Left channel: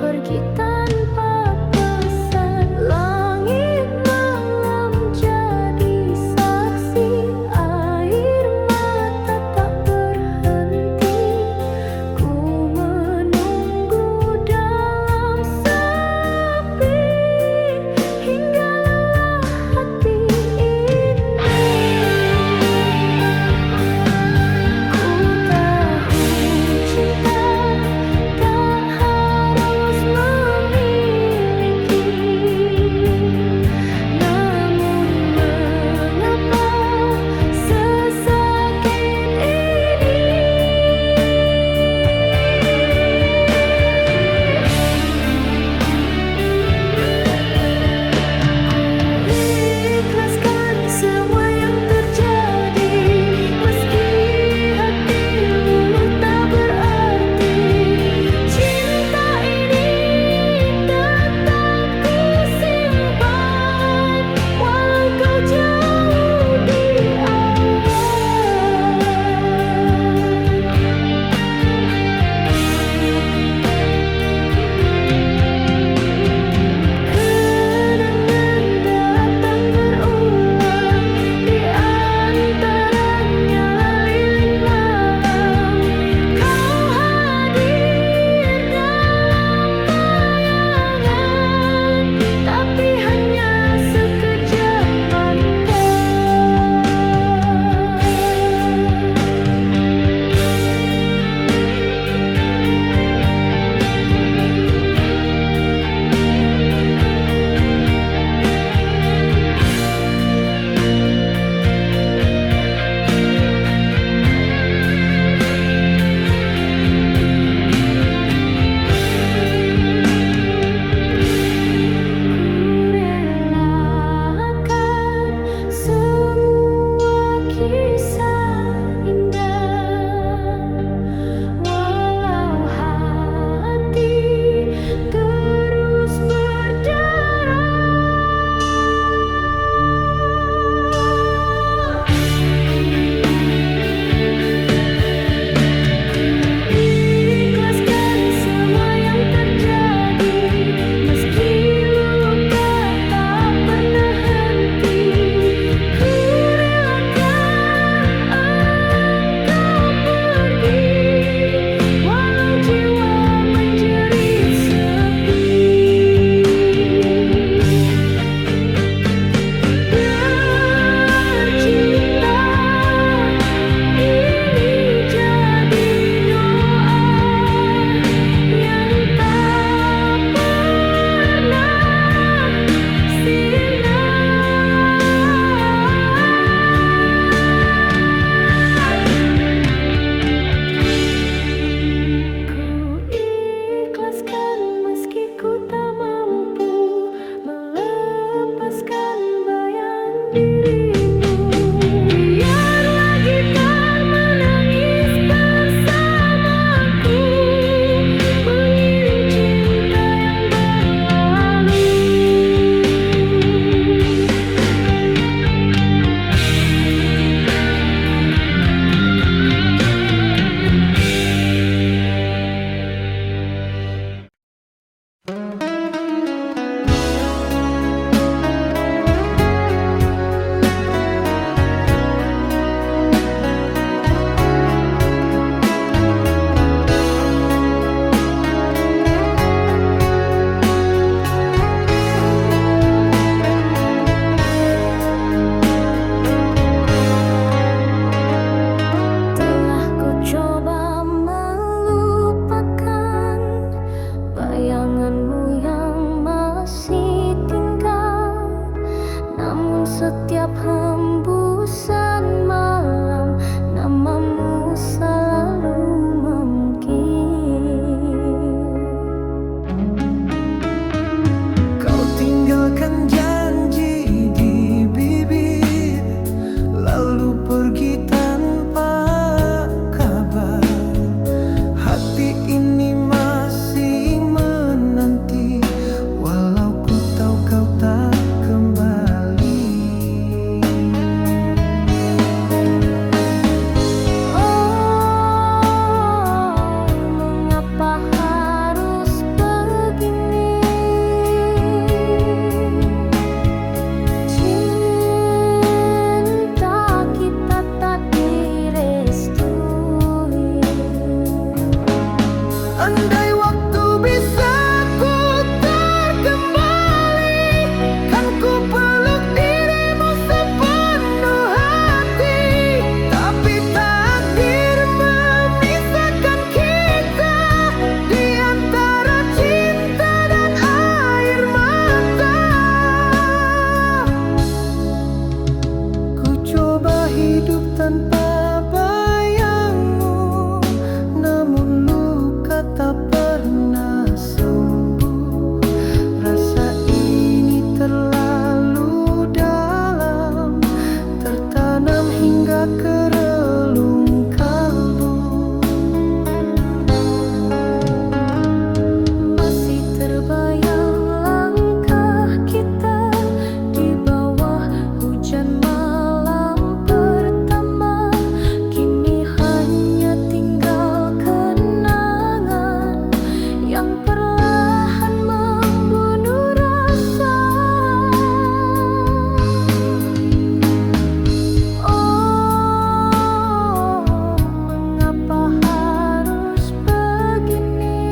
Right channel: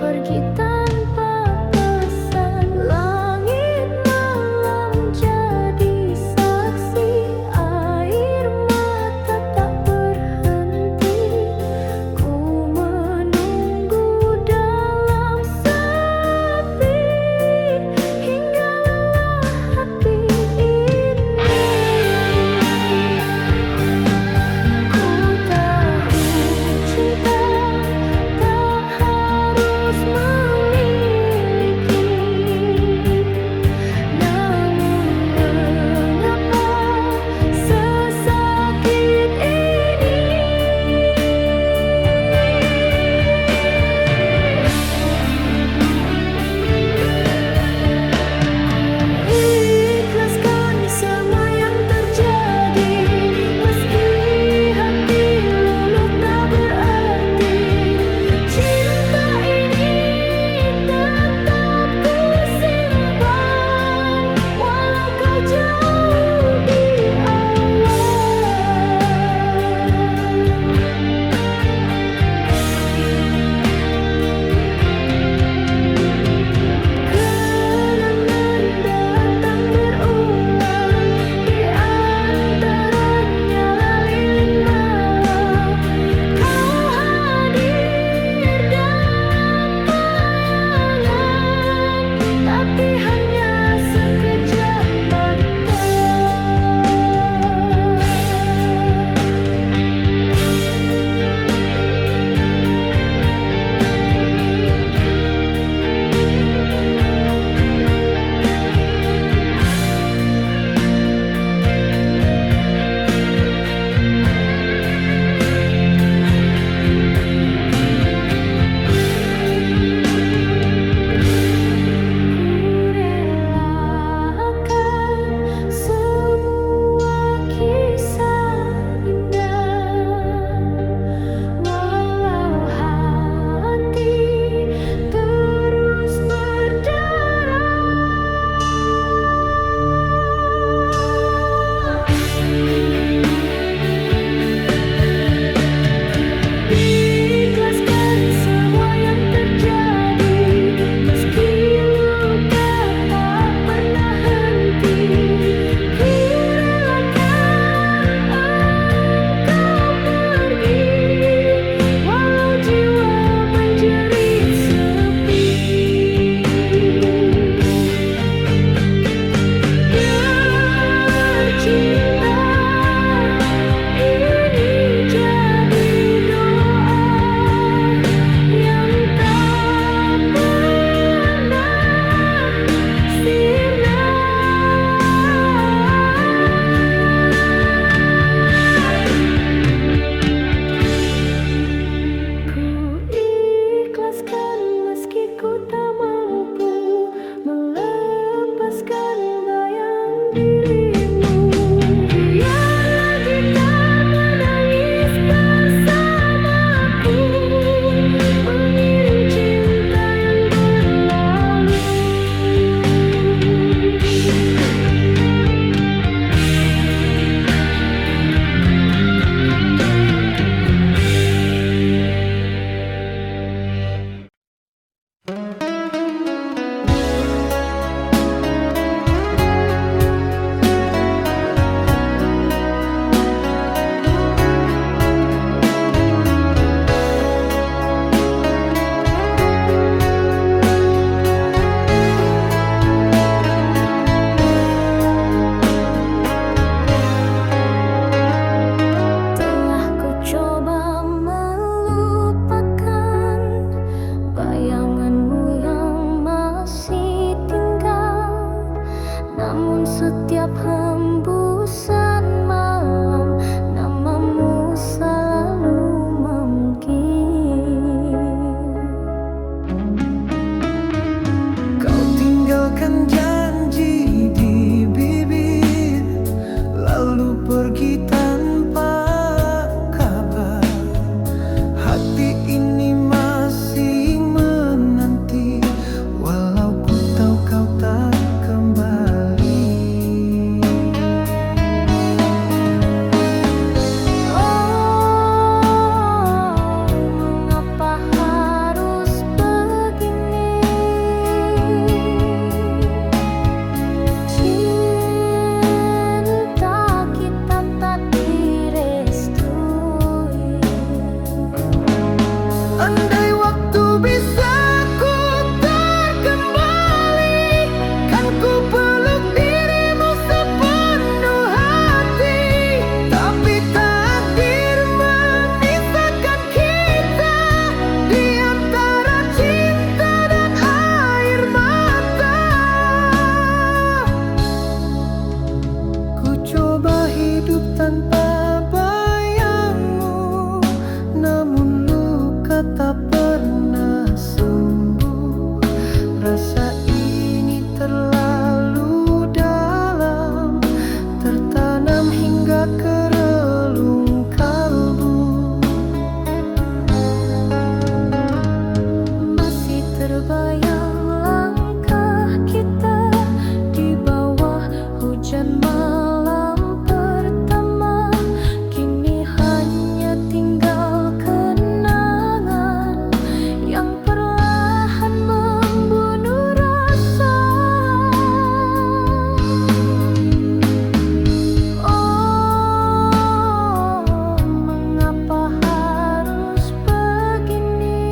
pergi tanpa pesan. Langit malam jadi saksi, air mata tak berhenti. Ku menunggu dalam sepi hingga lelah hati ini. Ku tahu cinta tak harus memiliki tanpa bayangmu, namun luka tak pernah sembuh. Rasa ini terlalu dalam, tertanam hingga ke relung kalbu. Masih terbayang langkah kita di bawah hujan malam pertama. Kini hanya tinggal kenangan yang perlahan membunuh rasa. Oh, mengapa harus begini?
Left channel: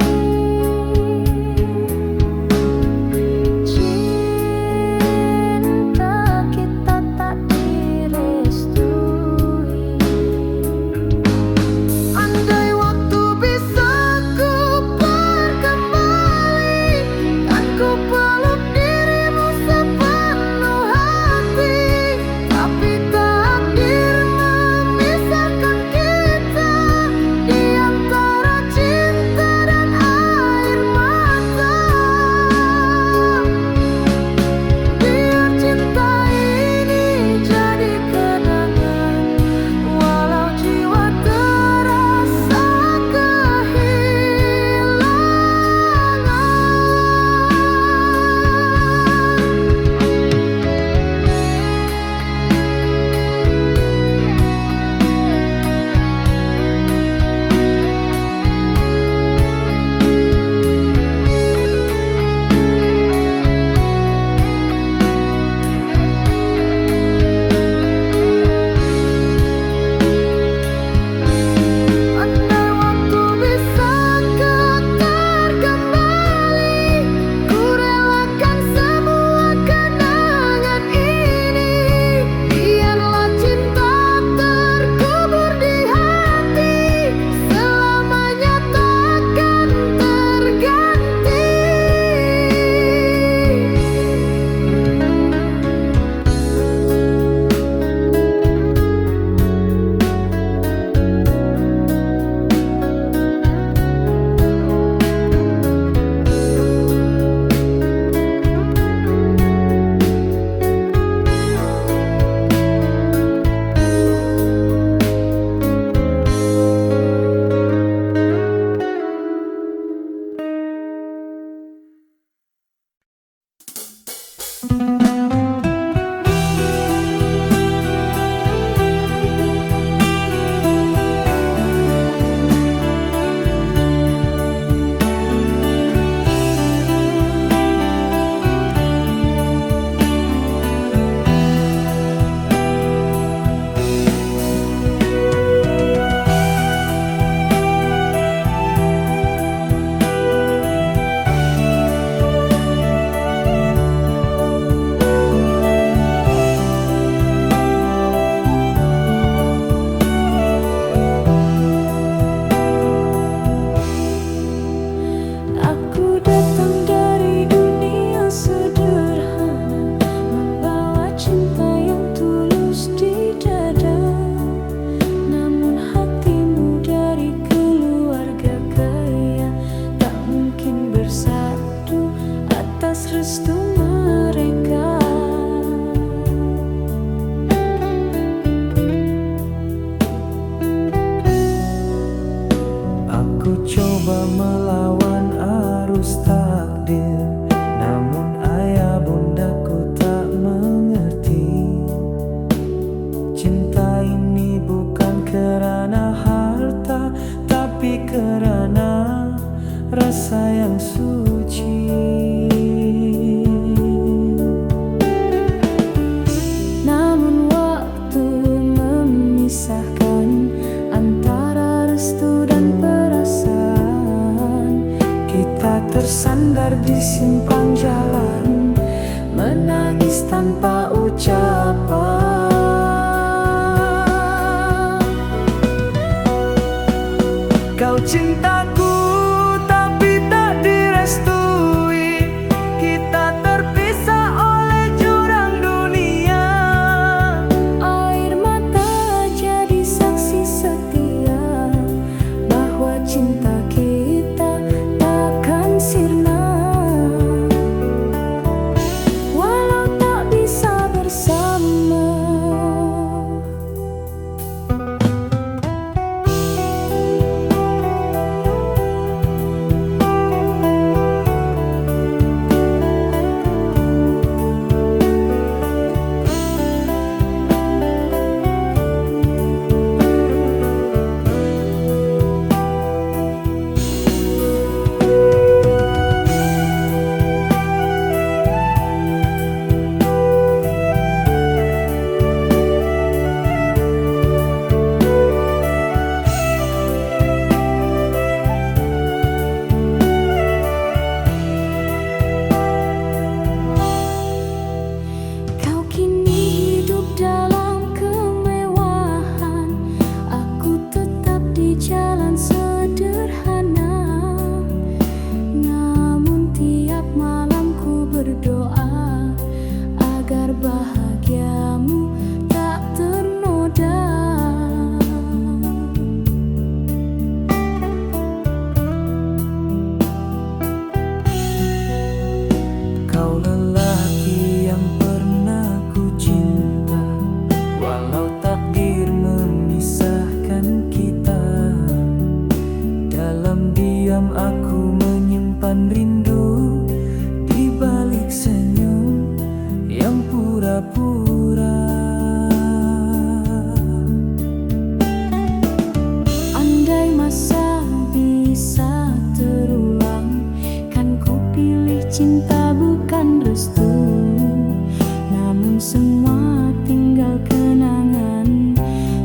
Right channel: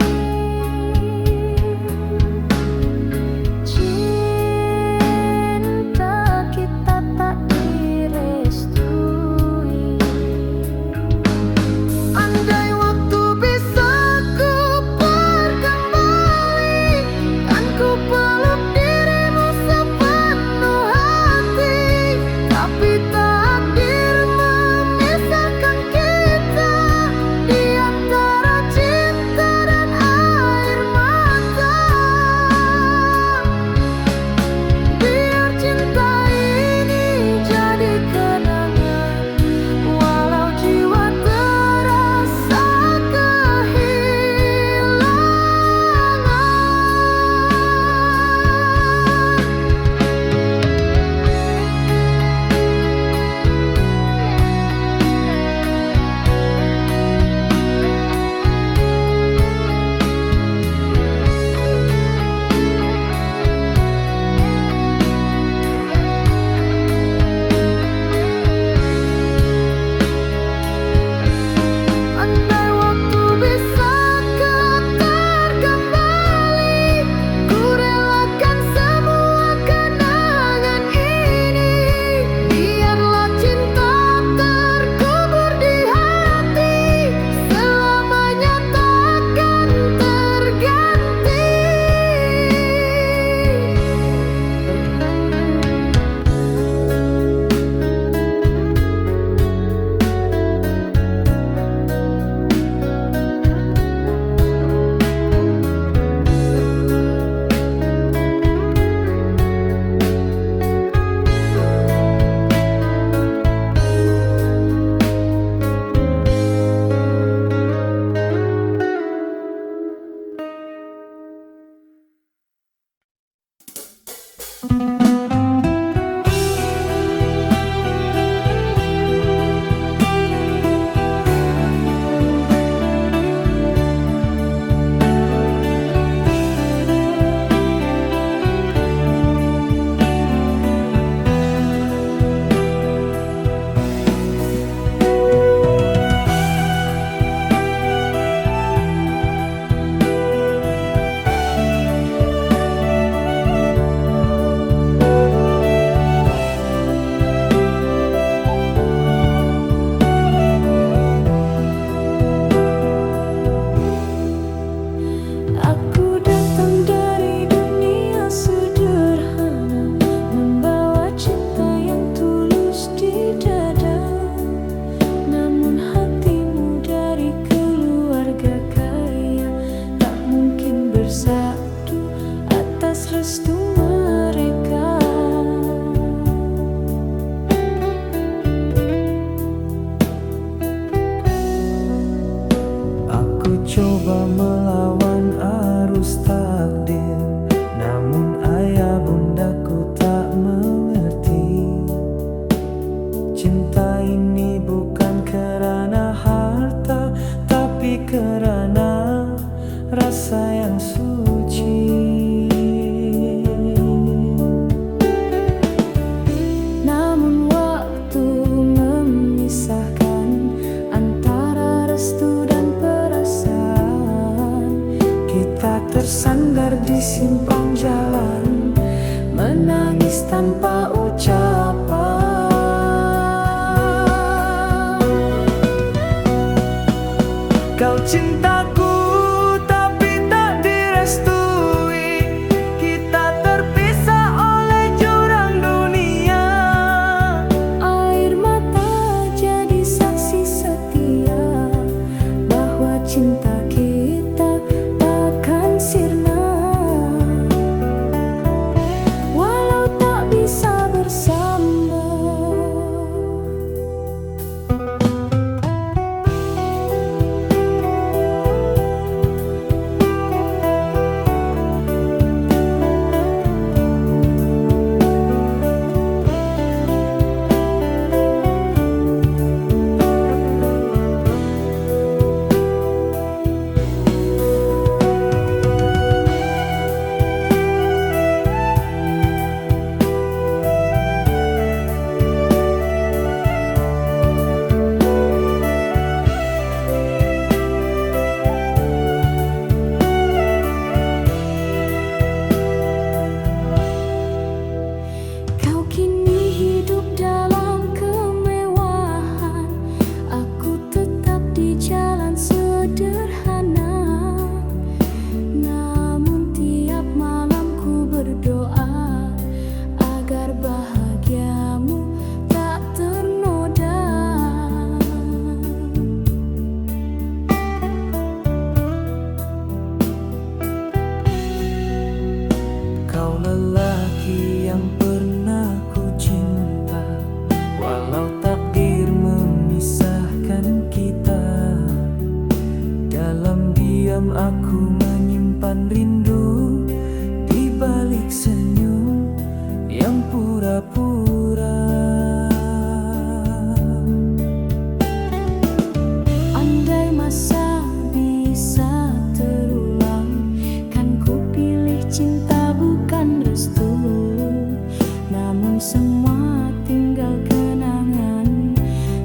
Cinta kita tak direstui. Andai waktu bisa ku berkembali, kan ku peluk dirimu sepenuh hati. Tapi takdir memisahkan kita di antara cinta dan air mata. Biar cinta ini jadi kenangan, walau jiwa terasa andai waktu bisa terkembali, ku relakan semua kenangan ini. Biarlah cinta terkubur di hati, selamanya takkan terganti. Aku datang dari dunia sederhana, membawa cinta yang tulus di dada. Namun hatimu dari keluarga kaya, tak mungkin bersatu atas restu mereka. Aku coba melawan arus takdir, namun ayah bundaku tak mengerti. Cinta ini bukan kerana harta, tapi kerana rasa yang suci. Namun waktu memisahkan antara restu dan perasaan. Kita tersandar di simpang jalan, menangis tanpa ucapan. Kau cintaku tapi tak direstui. Kita terpisah oleh jurang dunia. Air mata jadi cinta kita takkan sirna, walau tak bisa bersama. Kau kini hidup dalam kemewahan, aku tetap di jalan sederhana. Namun tiap malam ku berdoa agar bahagiamu tak ternoda. Kau lelaki yang pernah ku cinta, walau takdir memisahkan kita. Dalam diam aku menyimpan rindu, di balik senyum yang pura-pura. Andai masa bisa terulang, kan ku pilih cinta bukan restu. Namun semua tinggal kenangan,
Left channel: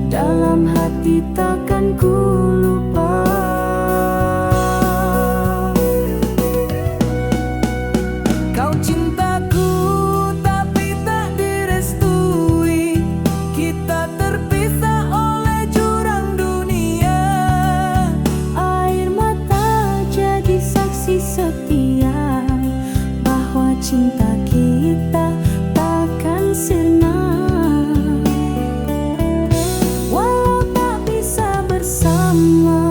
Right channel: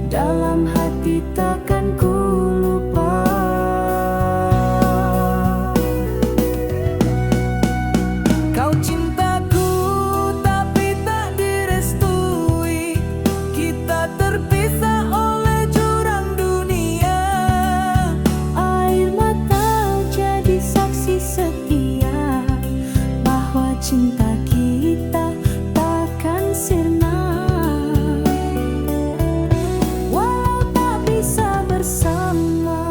dalam hati takkan ku lupa. Kau cintaku tapi tak direstui, kita terpisah oleh jurang dunia. Air mata jadi saksi setia bahwa cinta kita takkan sirna, walau tak bisa bersama.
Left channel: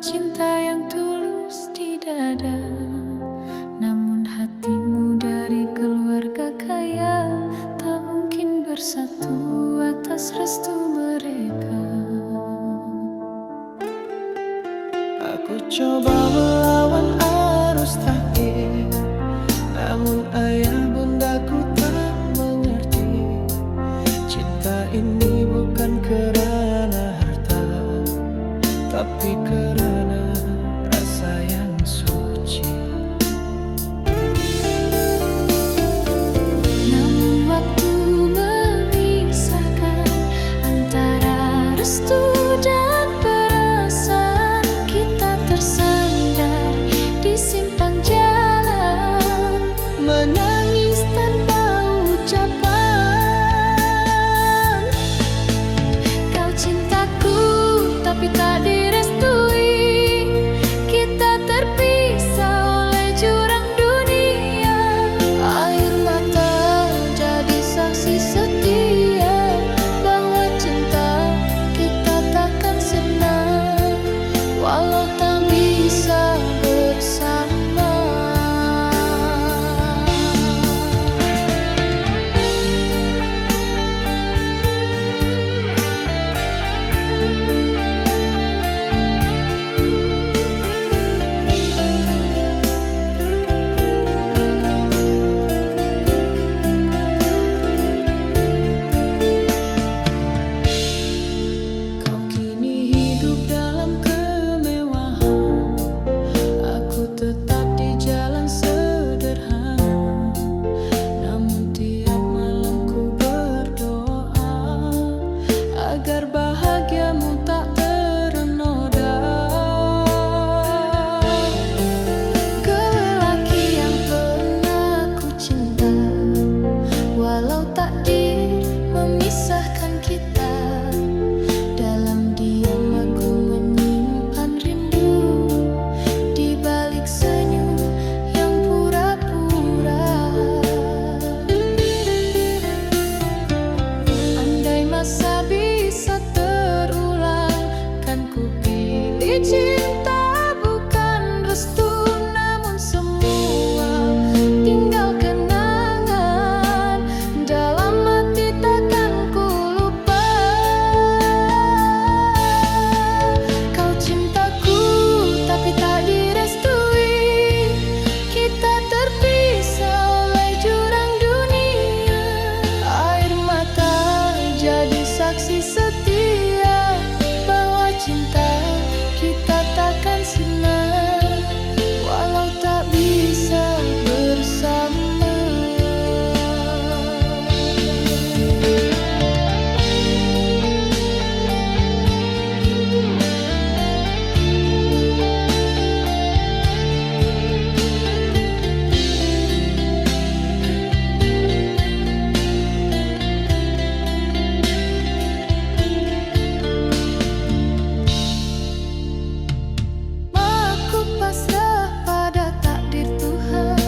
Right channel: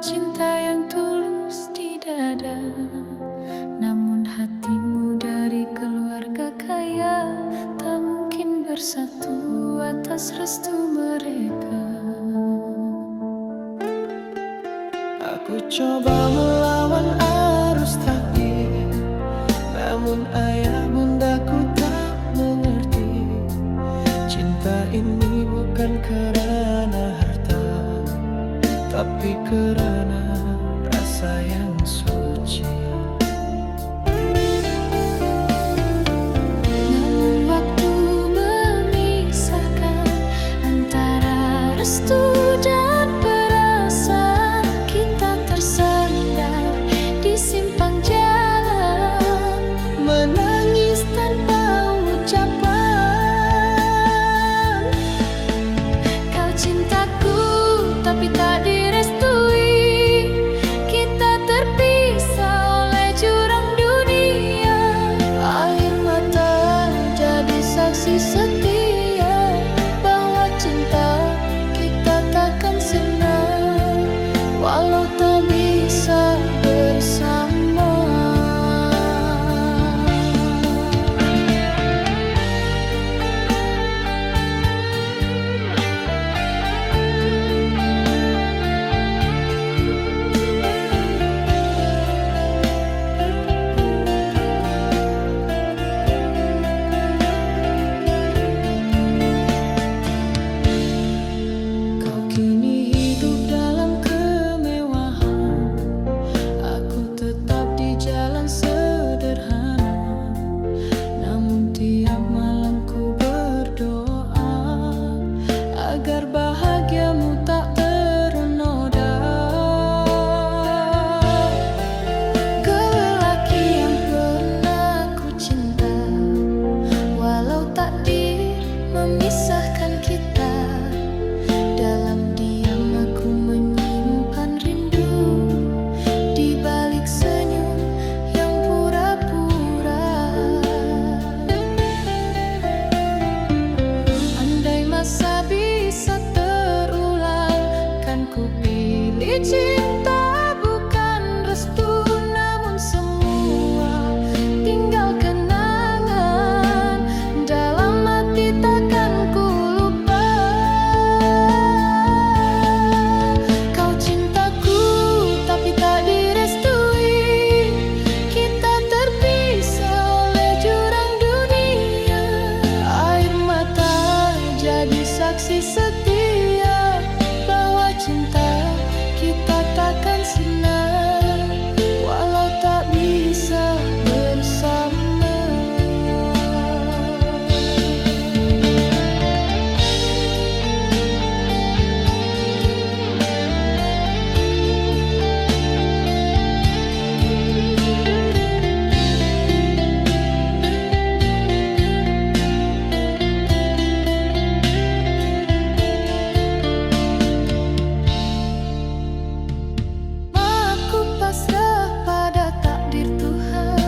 Cinta yang tulus di dada, namun hatimu dari keluarga kaya tak mungkin bersatu atas restu mereka. Aku coba melawan arus takdir, namun ayah bundaku tak mengerti. Cinta ini bukan kerana harta, tapi kerana rasa yang suci. Namun waktu memisahkan antara restu dan perasaan, kita tersandar di simpang jalan, menangis tanpa ucapan. Kau cintaku tapi tak direstui, kita terpisah oleh jurang dunia. Air mata jadi saksi setia bahwa cinta kita takkan sirna, walau tak bisa bersama. tak ternoda. Kau lelaki yang pernah ku cinta, walau takdir memisahkan kita. Dalam diam aku menyimpan rindu, di balik senyum yang pura-pura. Andai masa bisa terulang, kan ku pilih cinta bukan restu. Namun semua tinggal kenangan, dalam hati takkan ku lupa. Kau cintaku tapi tak direstui, kita terpisah oleh jurang dunia. Air mata jadi saksi setia bahwa cinta kita takkan sirna, walau tak bisa bersama. Aku pasrah pada takdir Tuhan,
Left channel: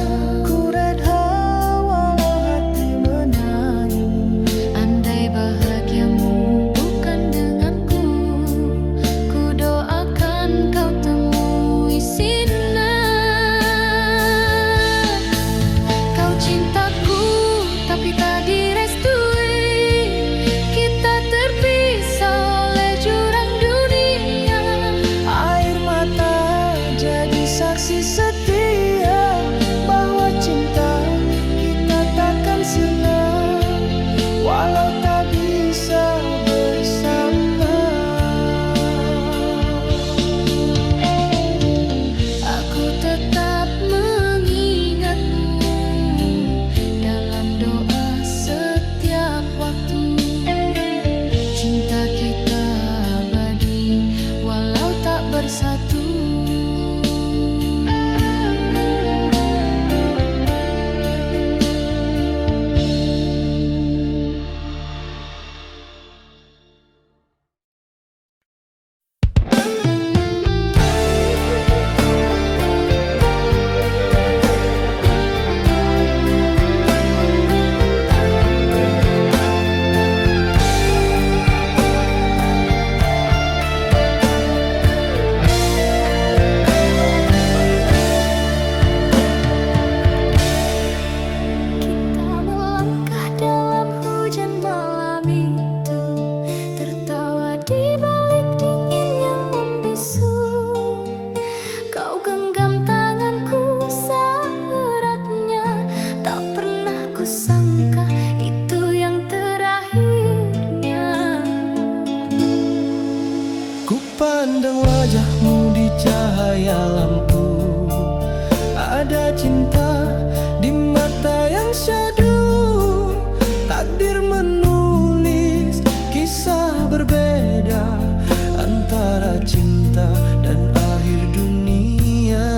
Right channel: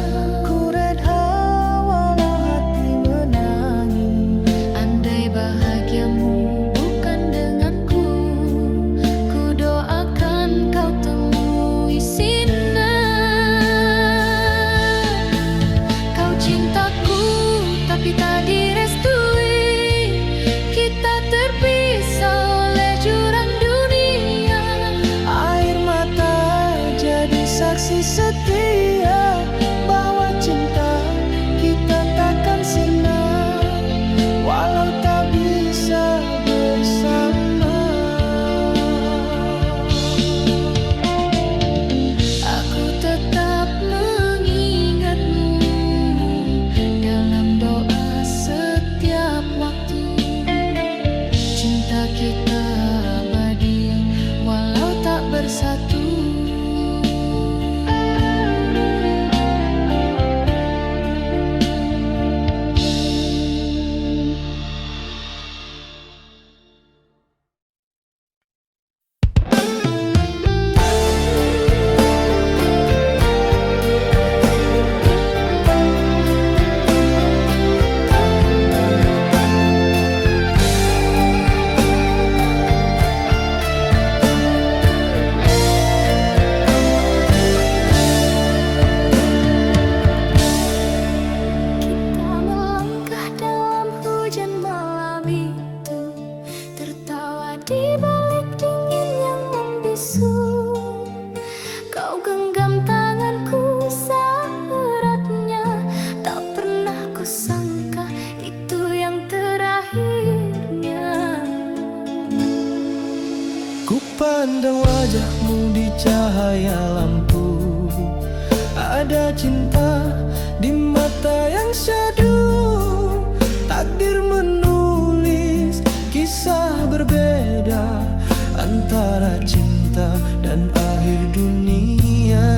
Ku redha walau hati menangis. andai bahagiamu bukan denganku, ku doakan kau temui sinar. Kau cintaku tapi tak direstui, kita terpisah oleh jurang dunia. Air mata jadi saksi setia bahwa cinta kita takkan sirna, walau tak bisa bersama. Aku tetap mengingatmu dalam doa setiap waktu. Cinta kita abadi walau tak bersatu. Kita melangkah dalam hujan malam itu, tertawa di balik dingin yang membisu. Kau genggam tanganku seeratnya, tak pernah kusangka itu yang terakhirnya. Ku pandang wajahmu di cahaya lampu, ada cinta di mata yang syadu. Takdir menulis kisah berbeda antara cinta dan akhir dunia.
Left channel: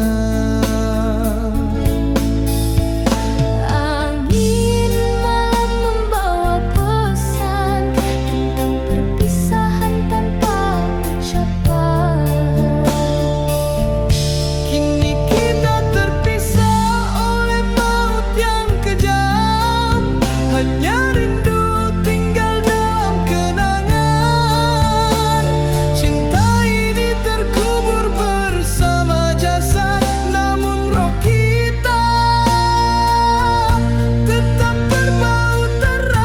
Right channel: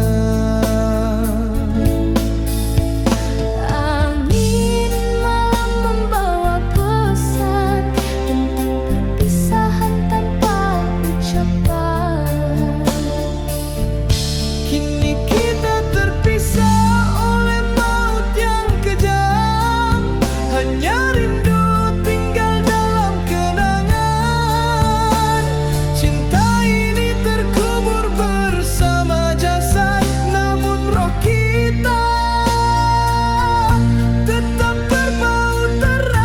Angin malam membawa pesan tentang perpisahan tanpa ucapan. Kini kita terpisah oleh maut yang kejam, hanya rindu tinggal dalam kenangan. Cinta ini terkubur bersama jasad, namun roh kita tetap berbau terang.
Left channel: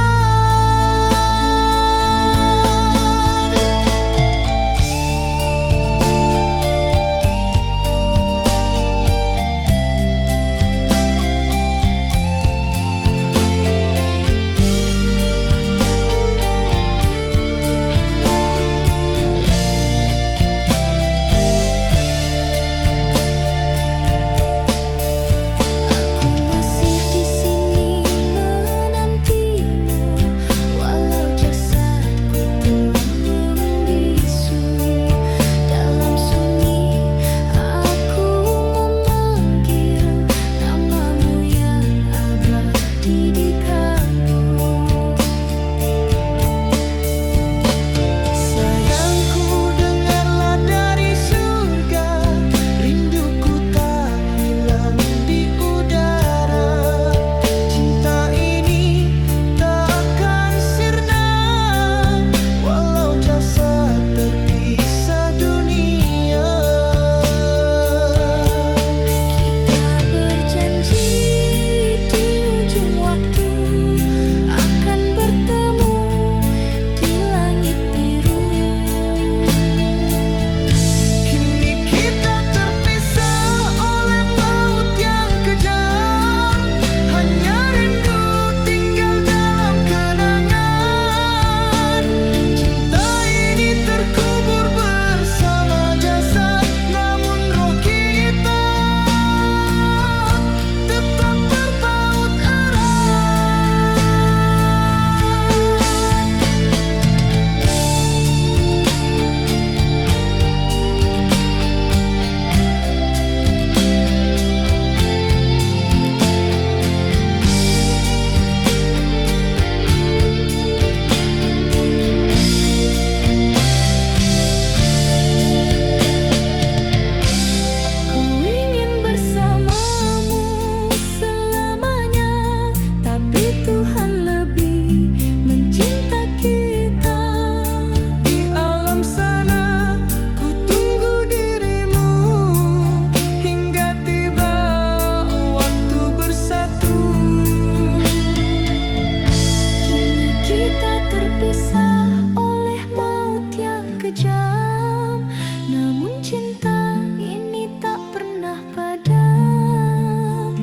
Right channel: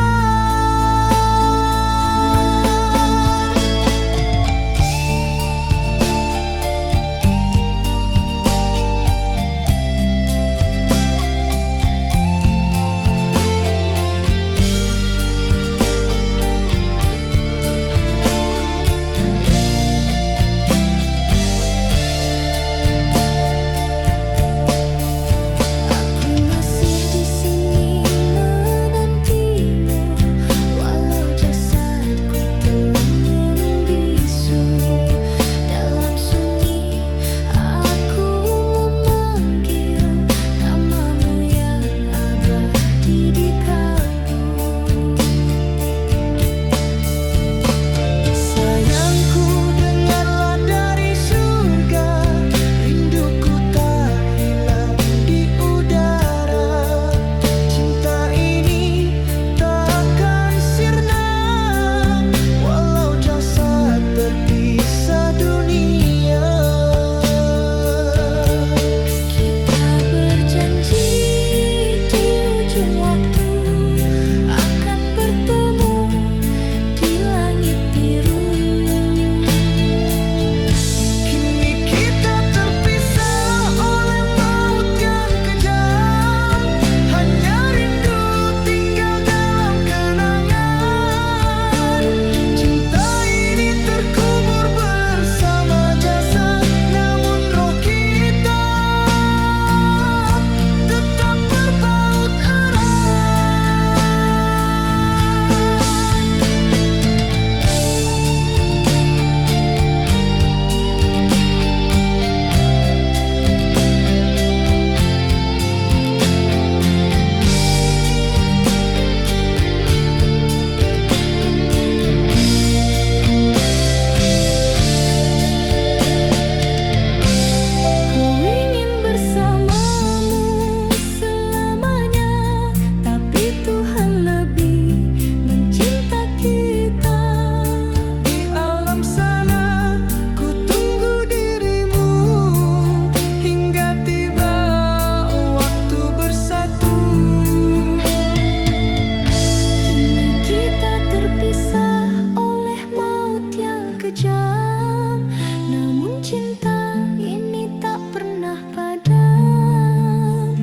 kejam, namun cinta ini tak pernah padam.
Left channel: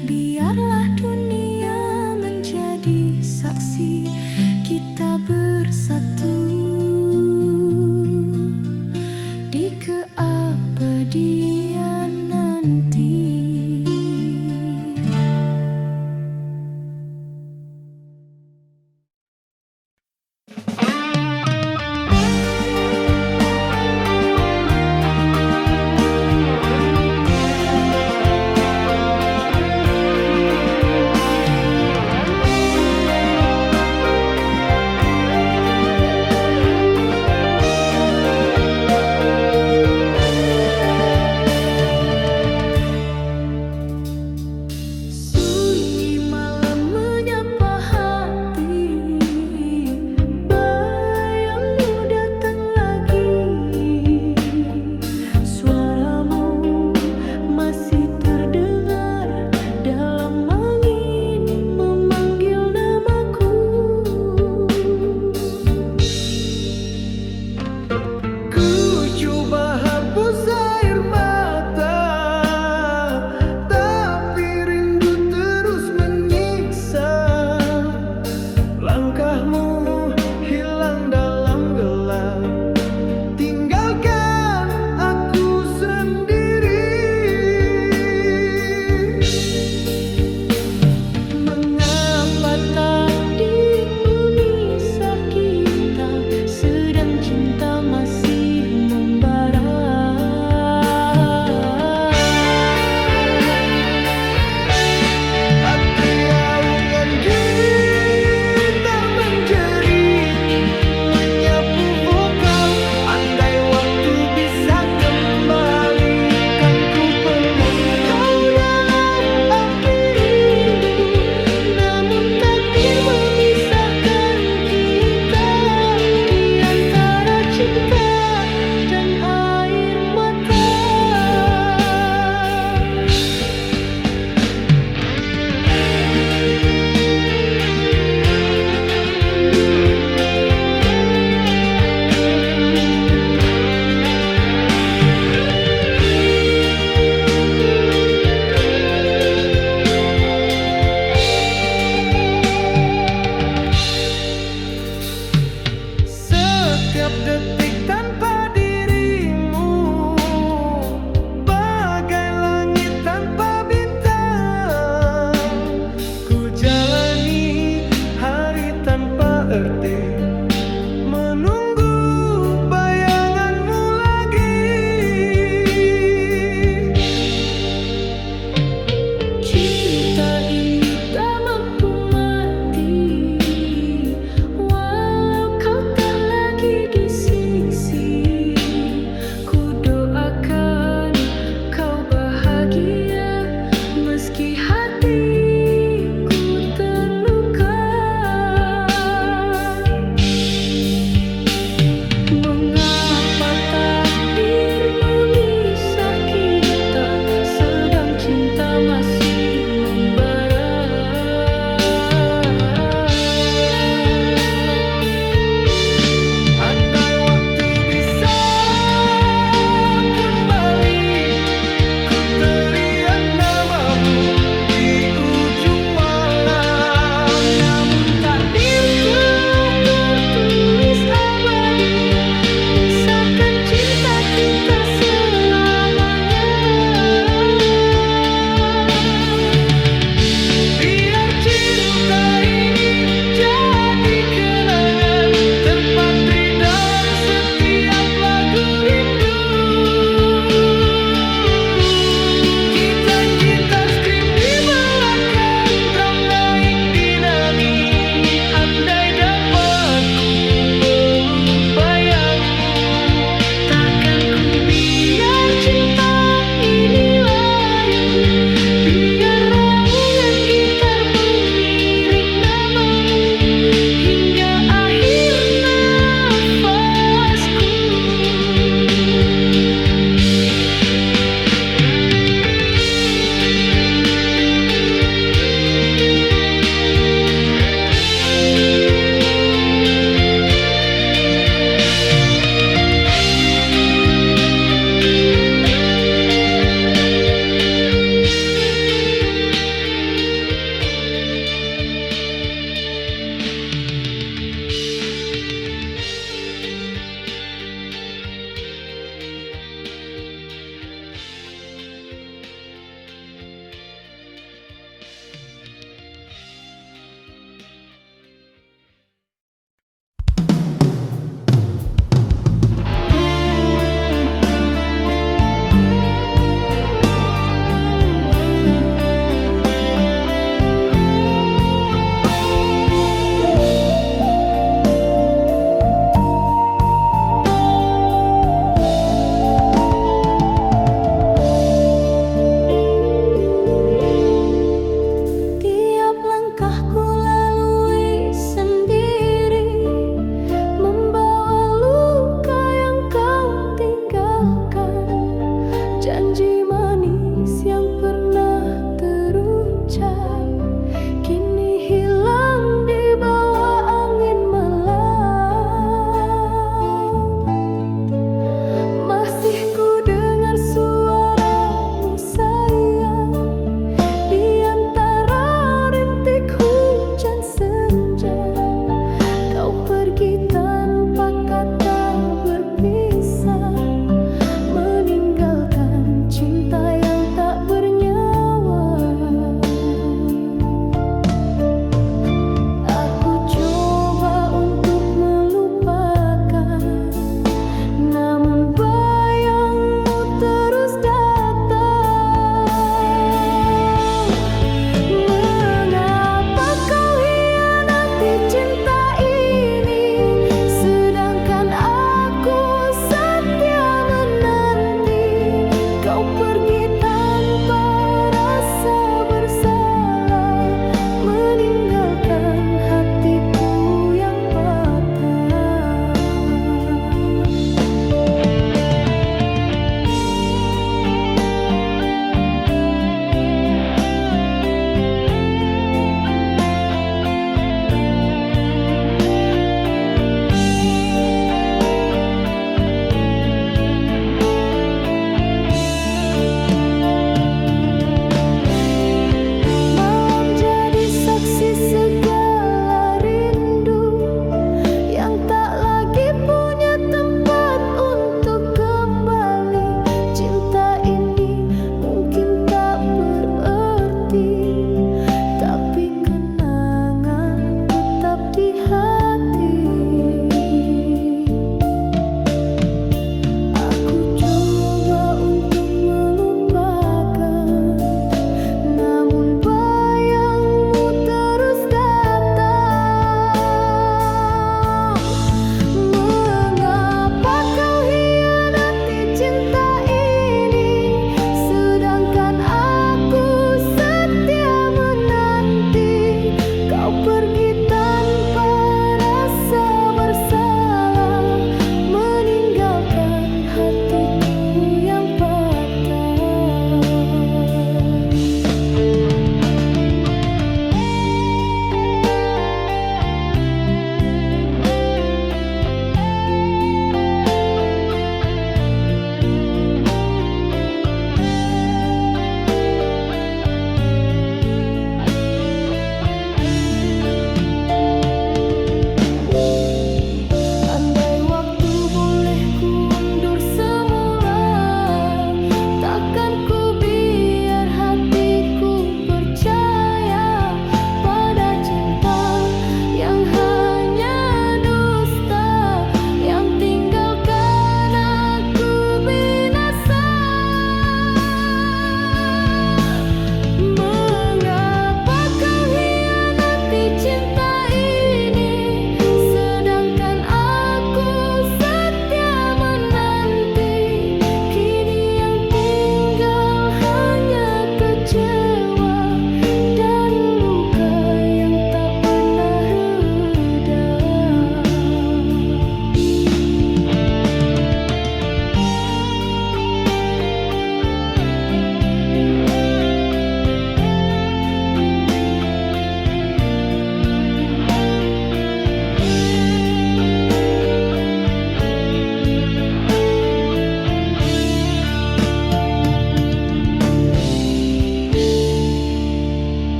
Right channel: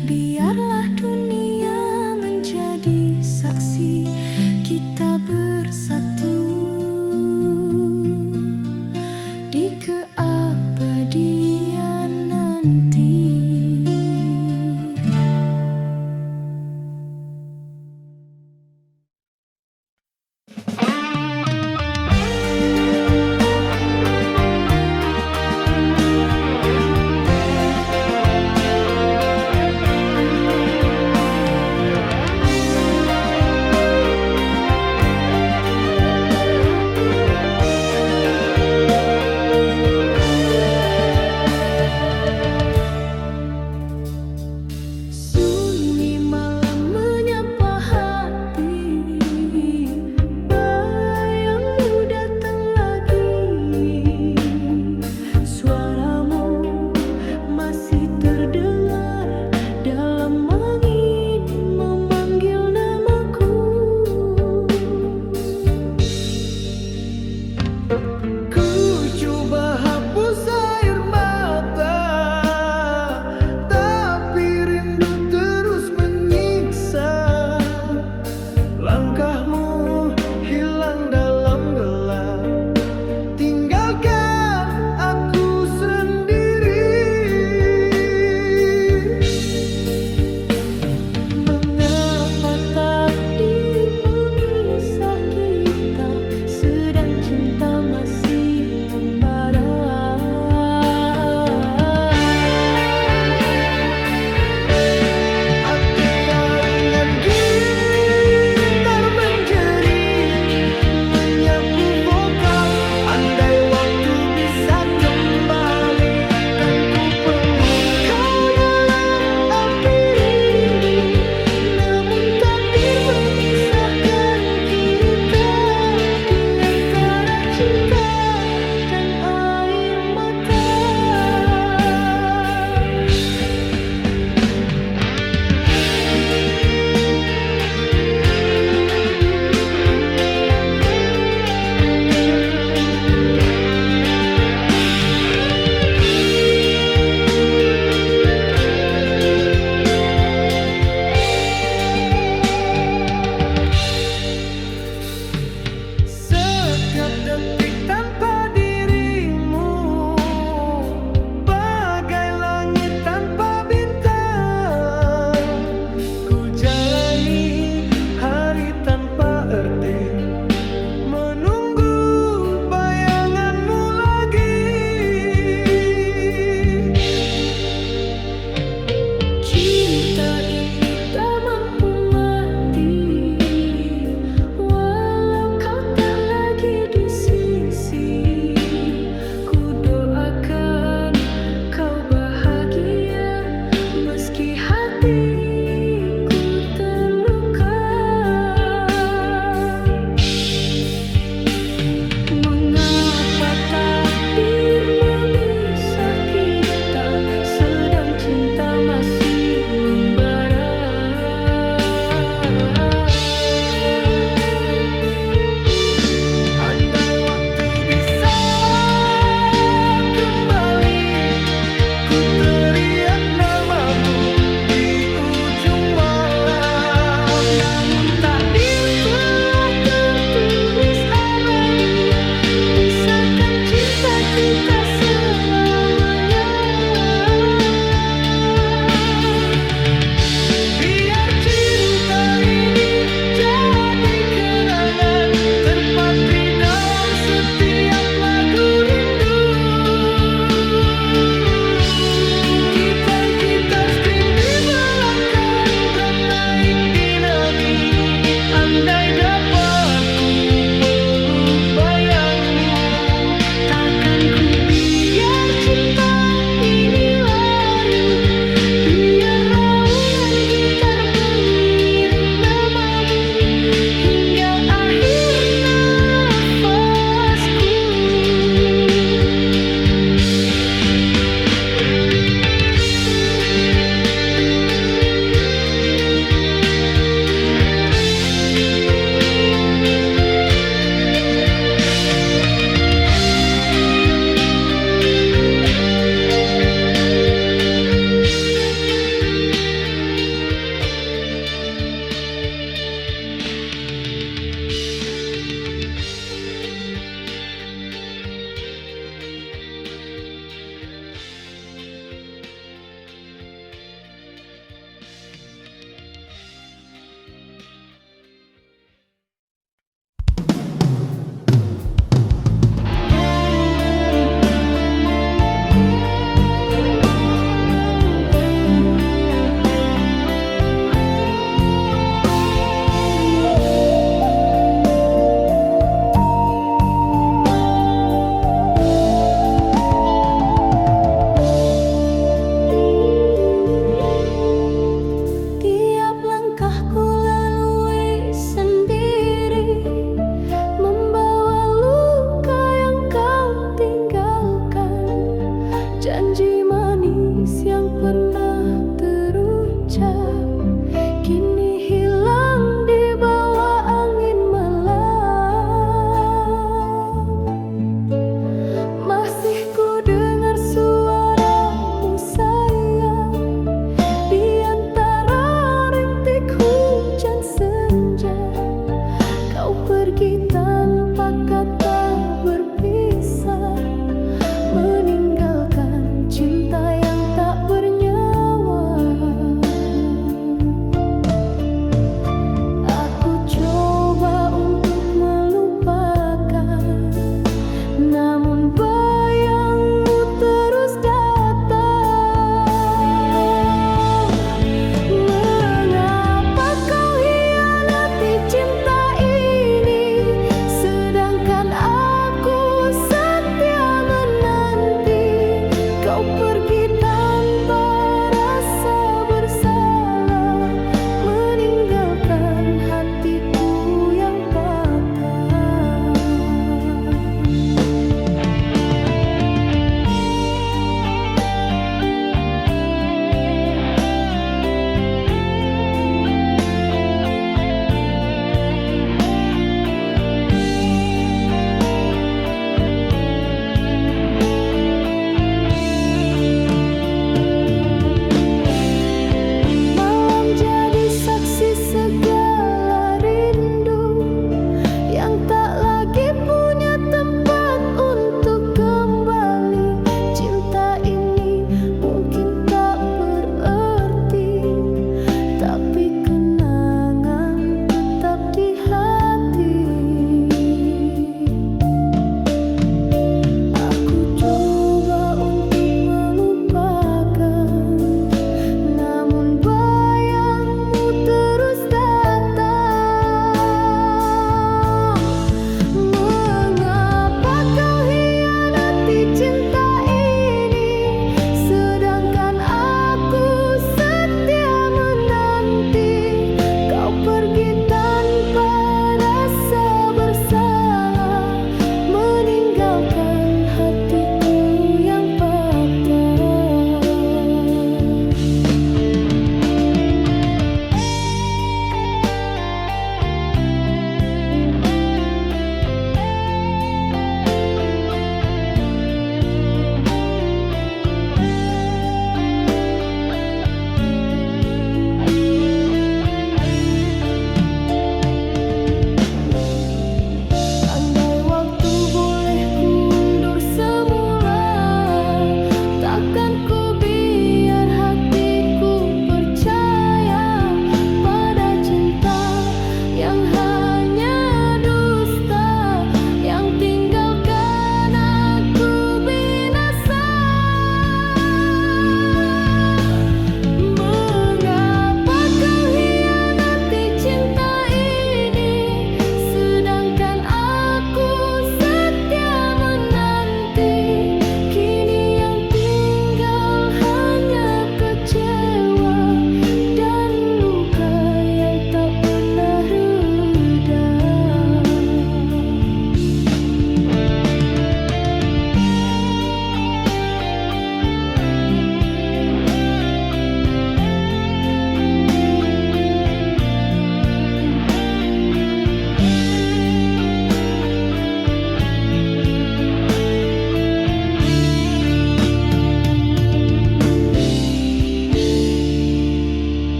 Biarlah dunia menjadi saksi kita bersatu di keabadian nanti.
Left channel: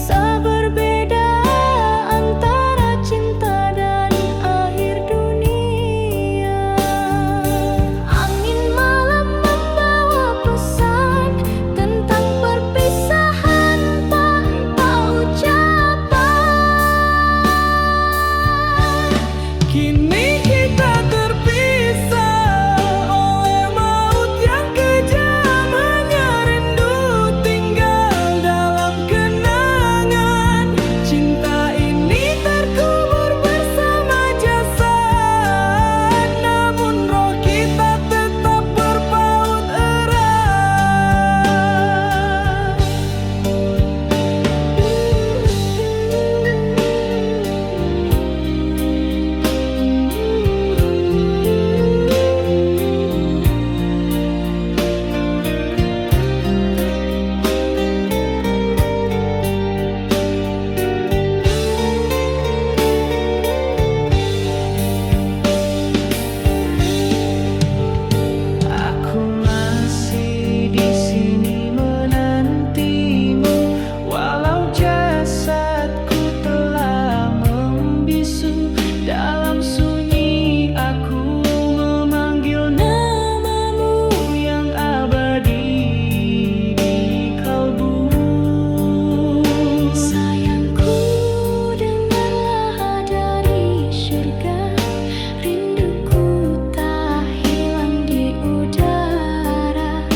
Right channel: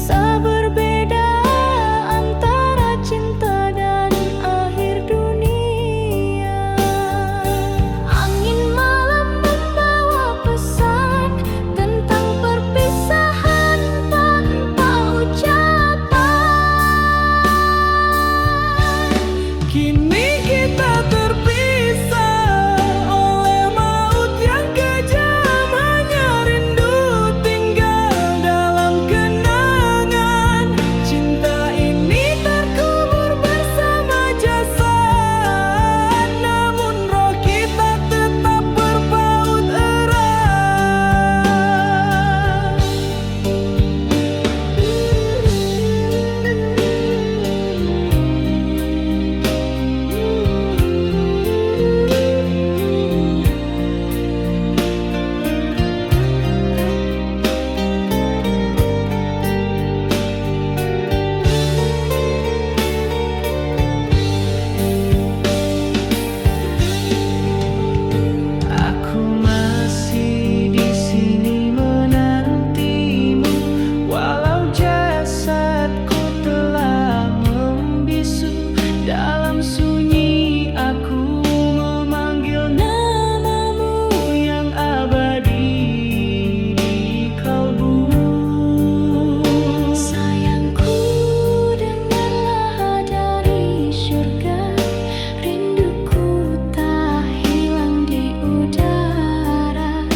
Kisah berbeda antara cinta dan akhir dunia. Angin malam membawa pesan tentang perpisahan tanpa ucapan. Kini kita terpisah oleh maut yang kejam. Hanya rindu tinggal dalam kenangan. Cinta ini terkubur bersama jasad, namun roh kita tetap berpaut erat. Aku masih di sini menantimu, walau jasadku telah membisu. Dalam sunyi aku memanggil namamu yang abadi di kalbu. Sayangku, dengarlah dari surga, rinduku tak hilang di udara.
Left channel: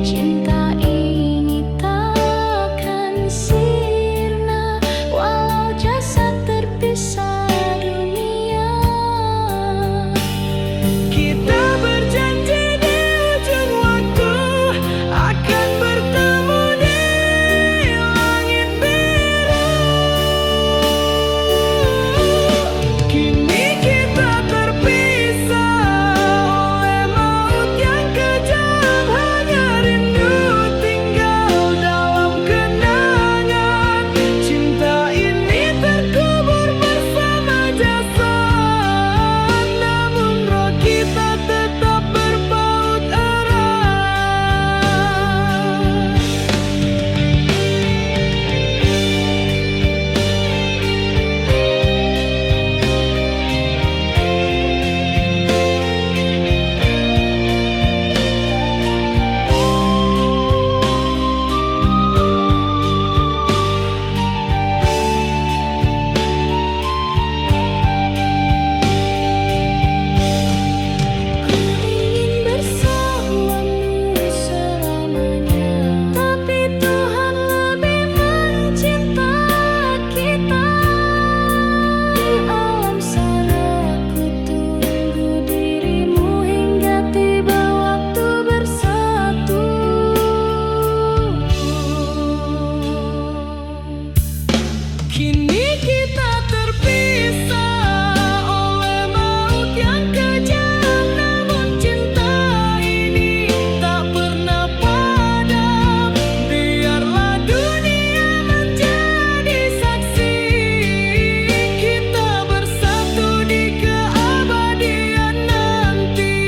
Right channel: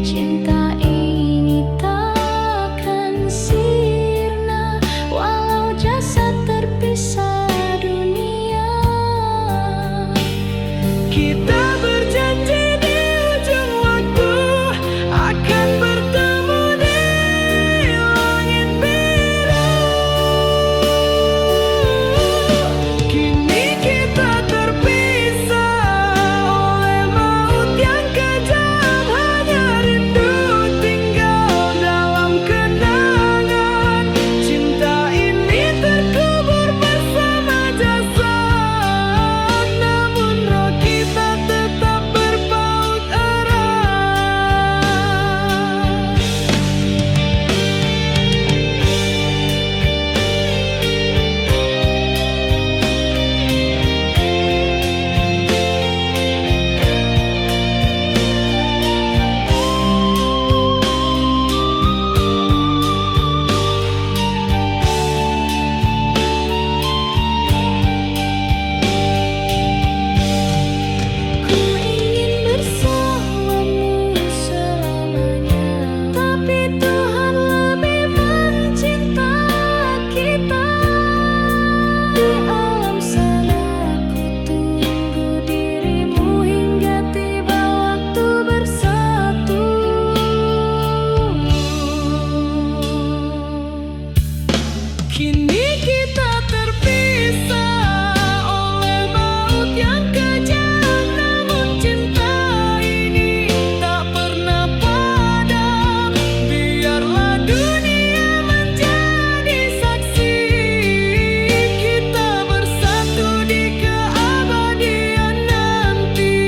Cinta ini takkan sirna walau jasad terpisah dunia. Kita berjanji di ujung waktu akan bertemu di langit biru. Kini kita terpisah oleh maut yang kejam. Hanya rindu tinggal dalam kenangan. Cinta ini terkubur bersama jasad, namun roh kita tetap berpaut erat. Ku ingin bersamamu selamanya, tapi Tuhan lebih mencinta kita. Di alam sana ku tunggu dirimu hingga tiba waktu bersatu. Kini kita terpisah oleh maut yang kejam, namun cinta ini tak pernah padam. Biarlah dunia menjadi saksi, kita bersatu di keabadian nanti.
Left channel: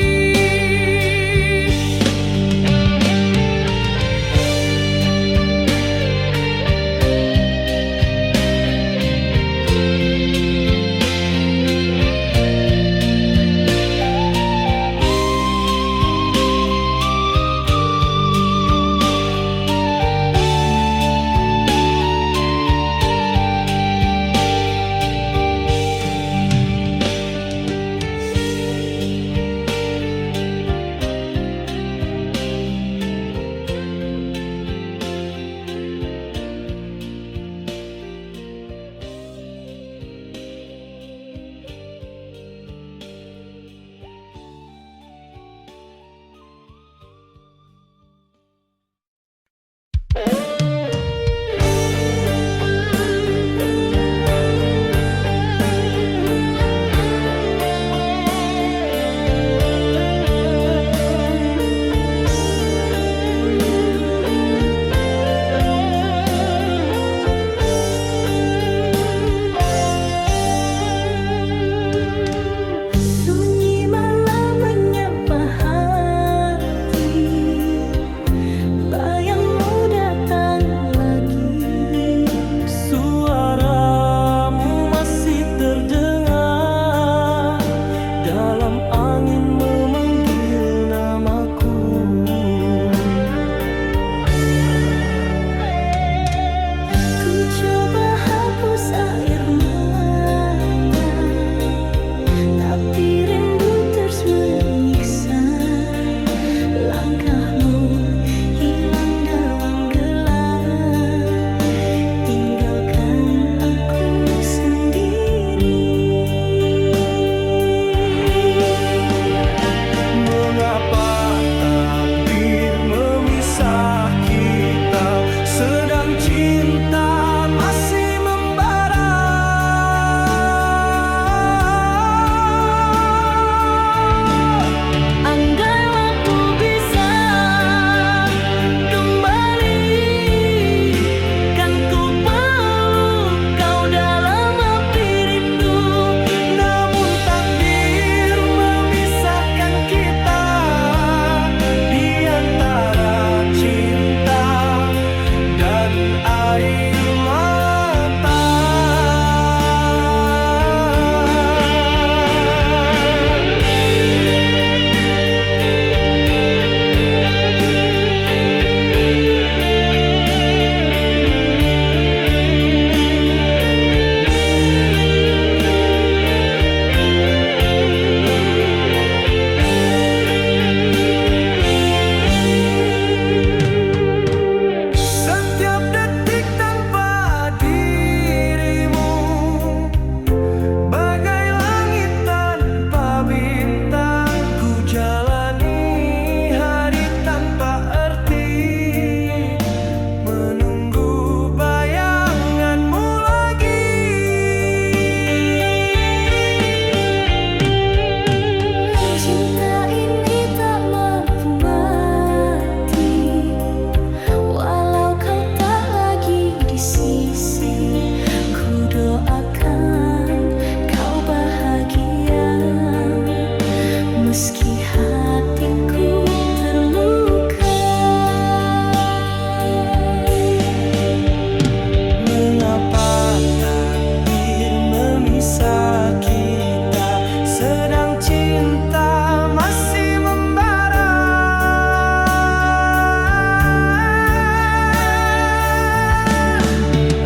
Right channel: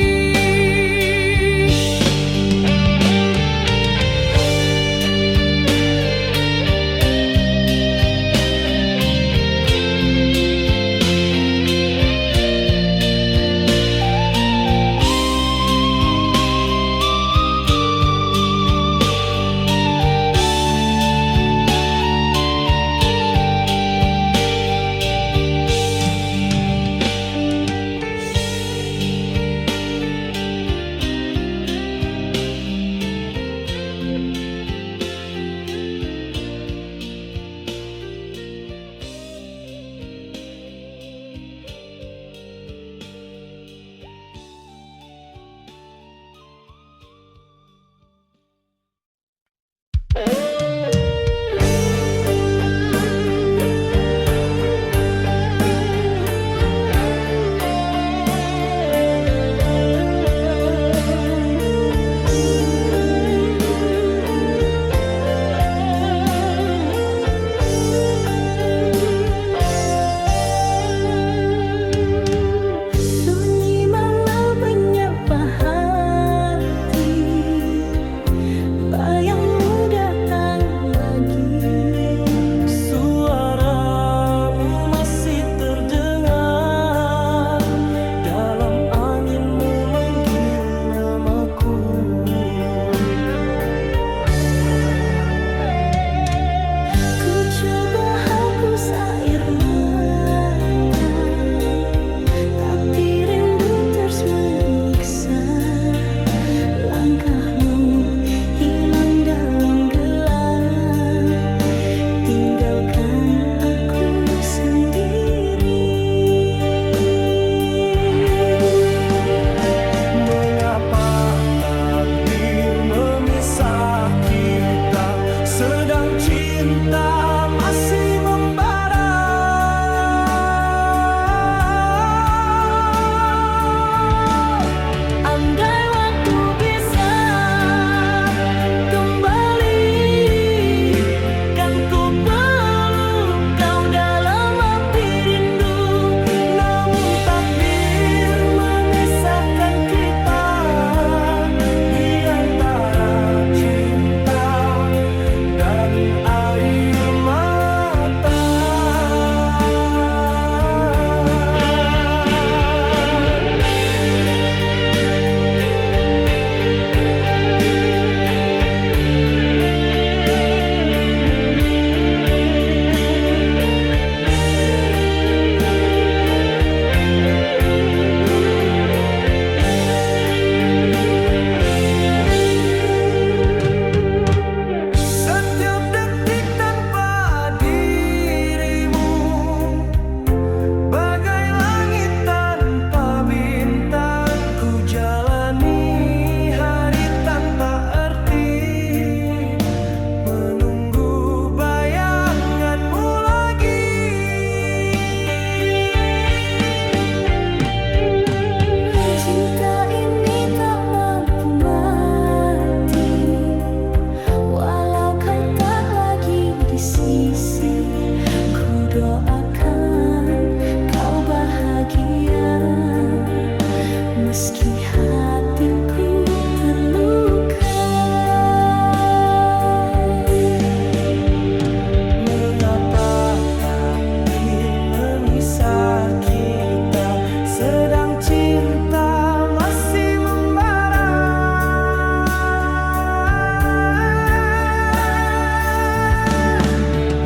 Ku doakan kau bahagia meski hatiku terluka. Mengapa takdir memisah kita, sedang cinta masih membara?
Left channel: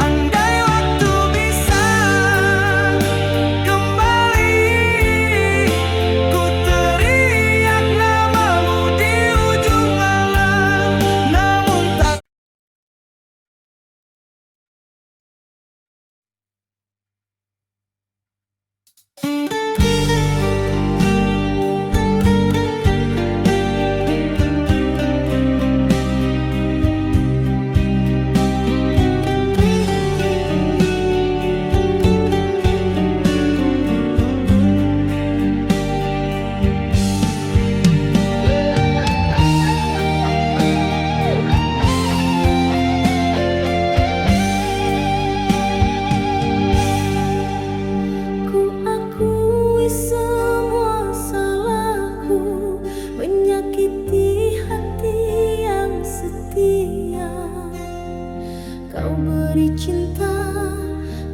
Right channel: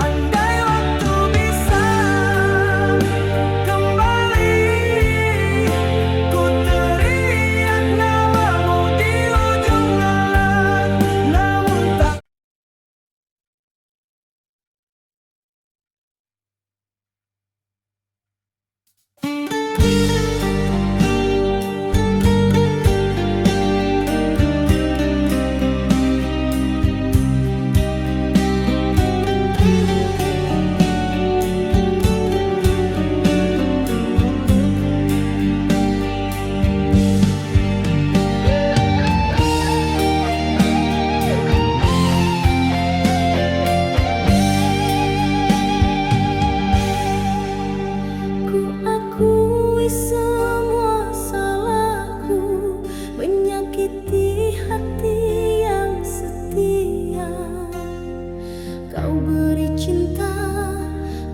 Andai waktu bisa kembali, ku teriak namamu di ujung alam. Namun tak Ku akui semua salahku, menyakiti hati yang setia. Kau beri cinta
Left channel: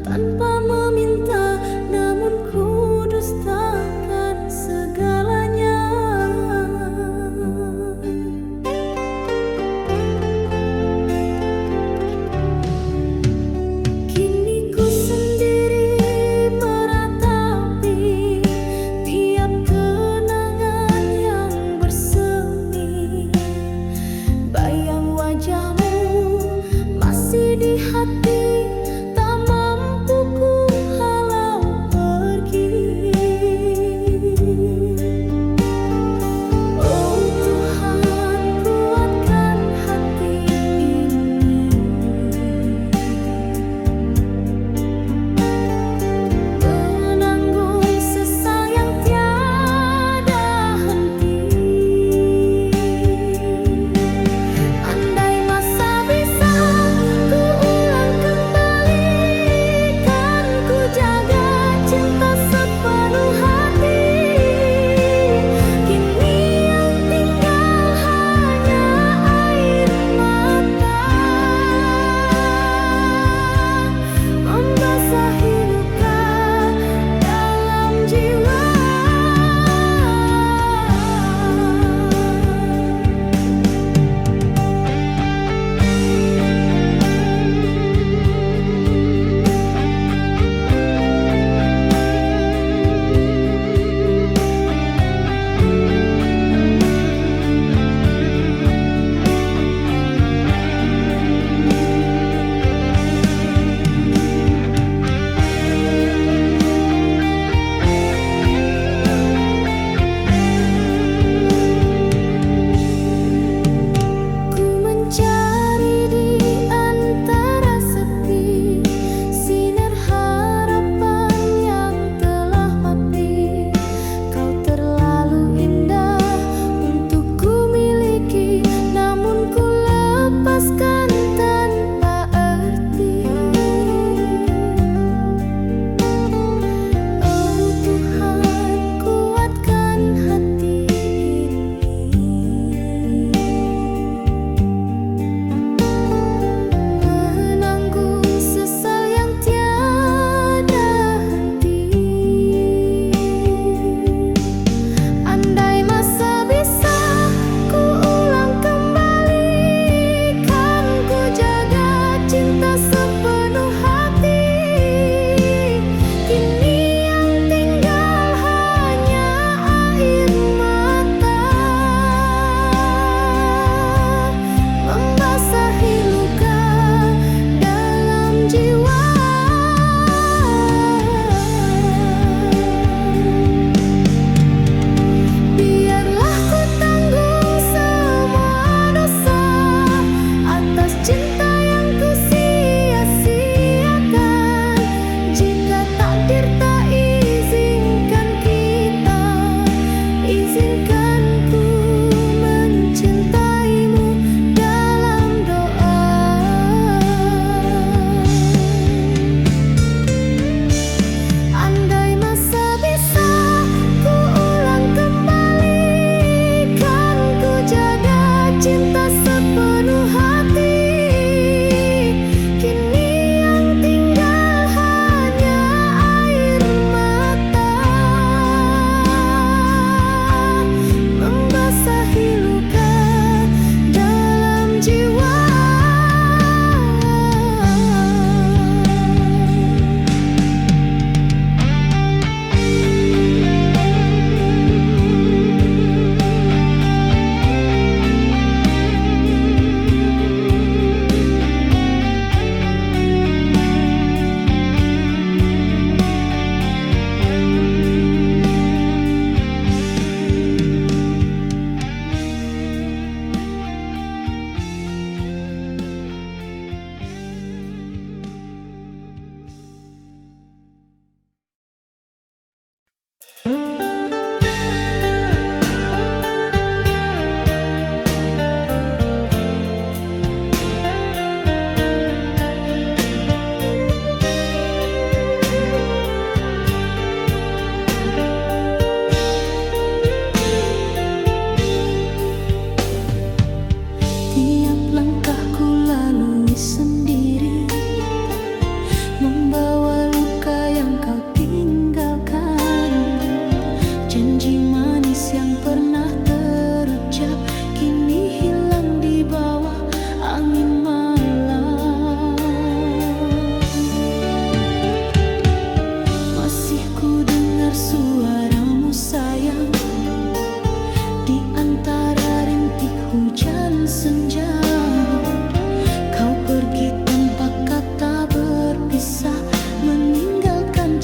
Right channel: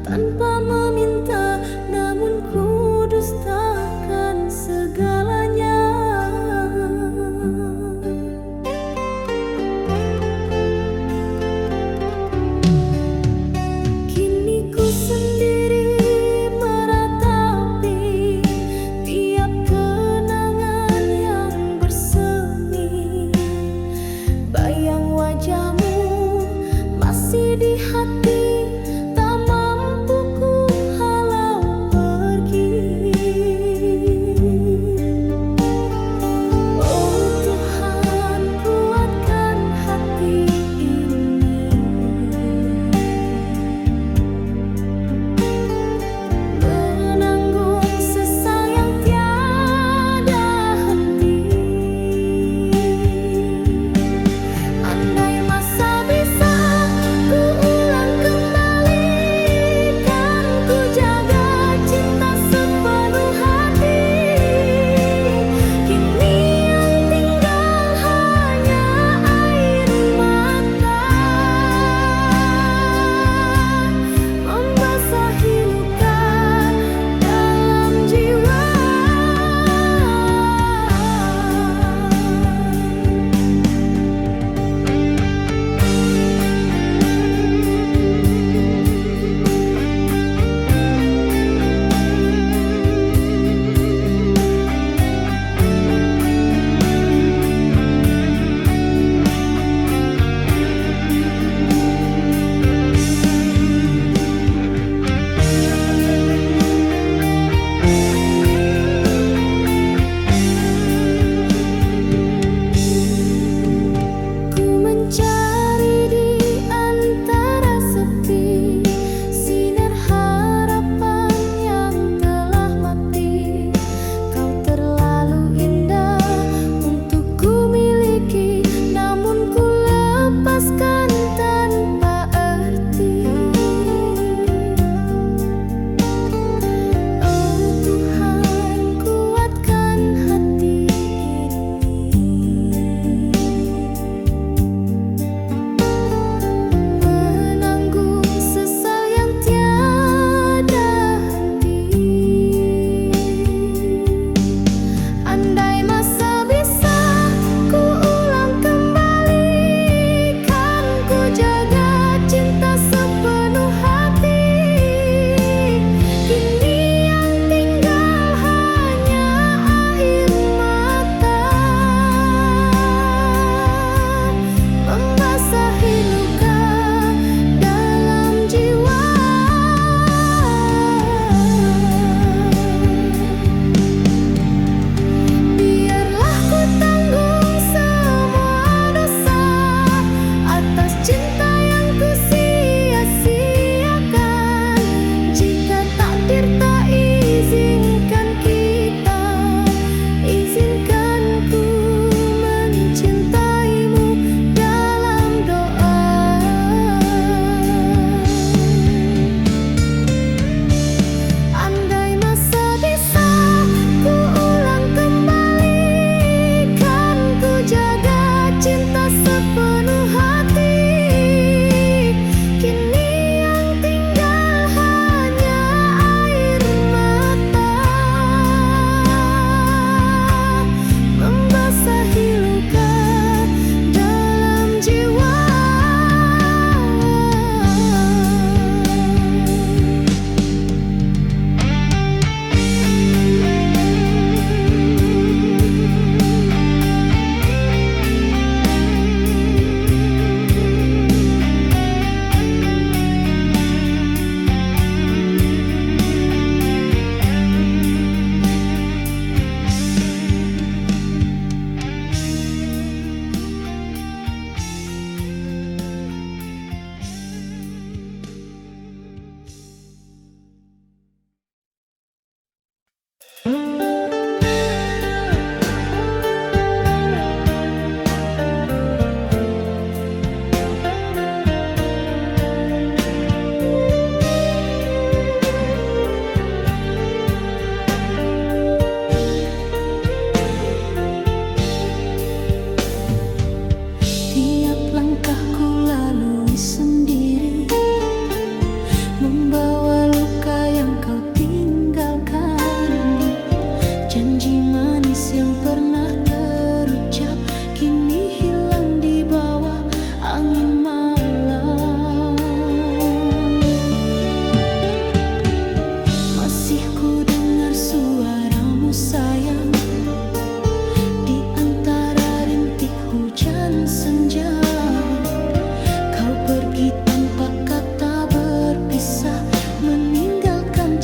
tanpa meminta, namun ku dustakan segalanya. Kini ku sendiri meratapi tiap kenangan yang bersemi. Bayang wajahmu masih di hati, tak mampu ku halau pergi.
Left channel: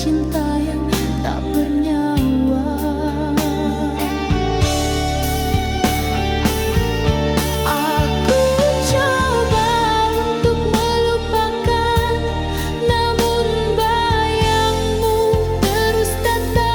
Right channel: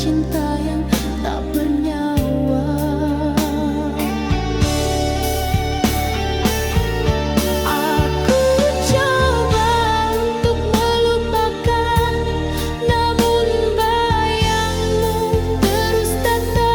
cinta yang tak bernyawa. Aku coba untuk melupakan, namun bayangmu terus datang.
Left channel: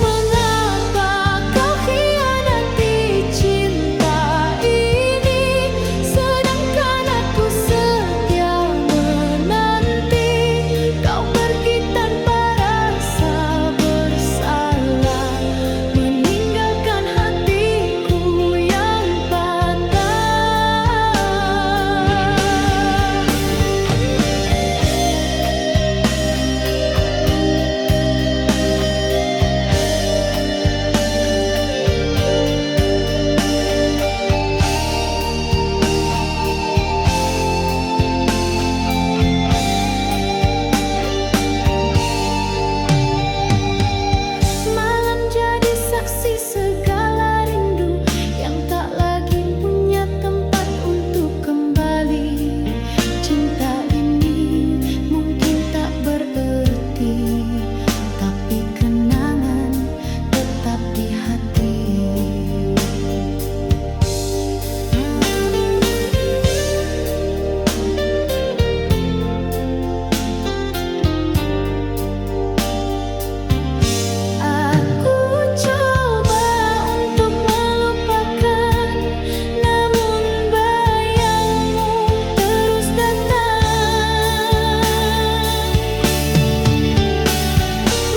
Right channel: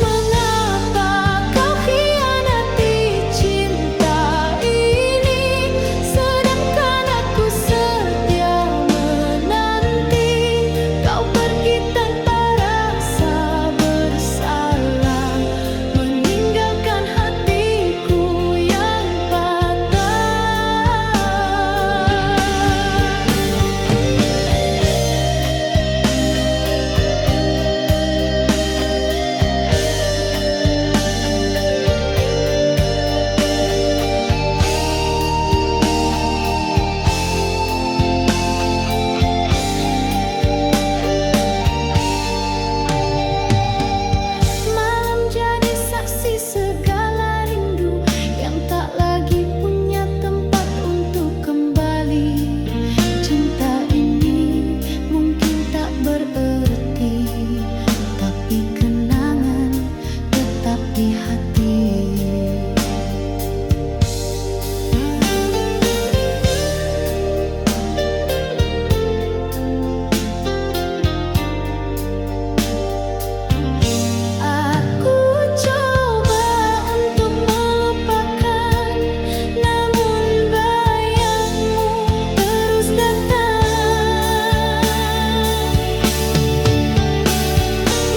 Mengapa kau hianati cinta ini, sedangkan aku setia menanti. Kau pergi tanpa rasa bersalah, meninggalkan hatiku yang patah. Malam jadi saksi segala rindu yang tak lagi punya tempat untuk kembali. Cinta ini mungkin tak berarti, tapi kenangan tetap di hati. Aku coba untuk melupakan, namun bayangmu terus datang.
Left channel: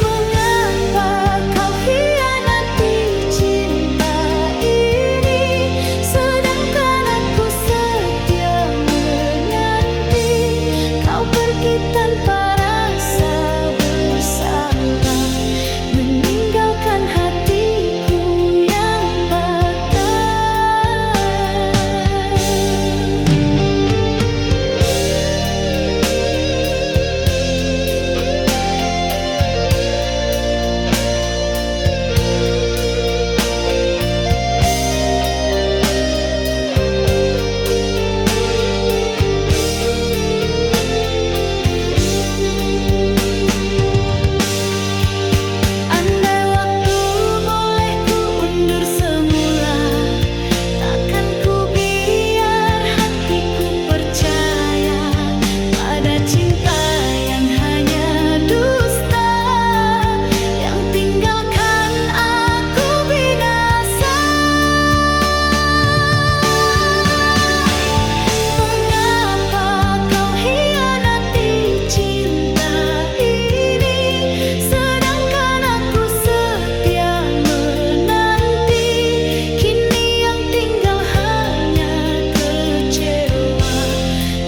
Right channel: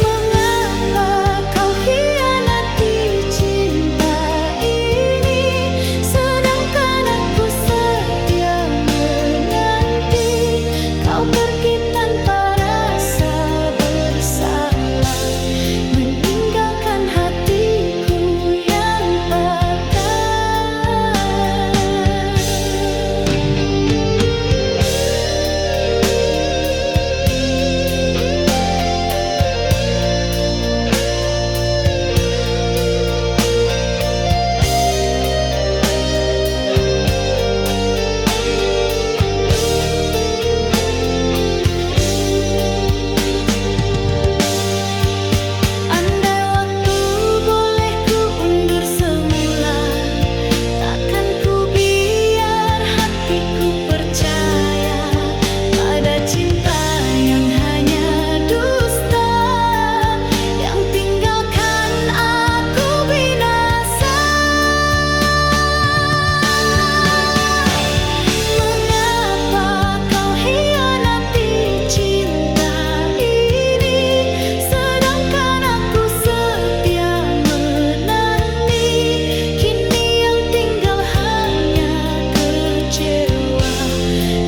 Mengapa kau hianati cinta ini, sedangkan aku setia menanti. Kau pergi tanpa rasa bersalah, meninggalkan hatiku yang patah. Andai waktu boleh ku undur semula, takkan ku biar hatiku percaya pada cinta yang hanya dusta, yang tinggalkan aku binasa. Mengapa kau hianati cinta ini, sedangkan aku setia menanti. Kini yang tinggal hanya kecewa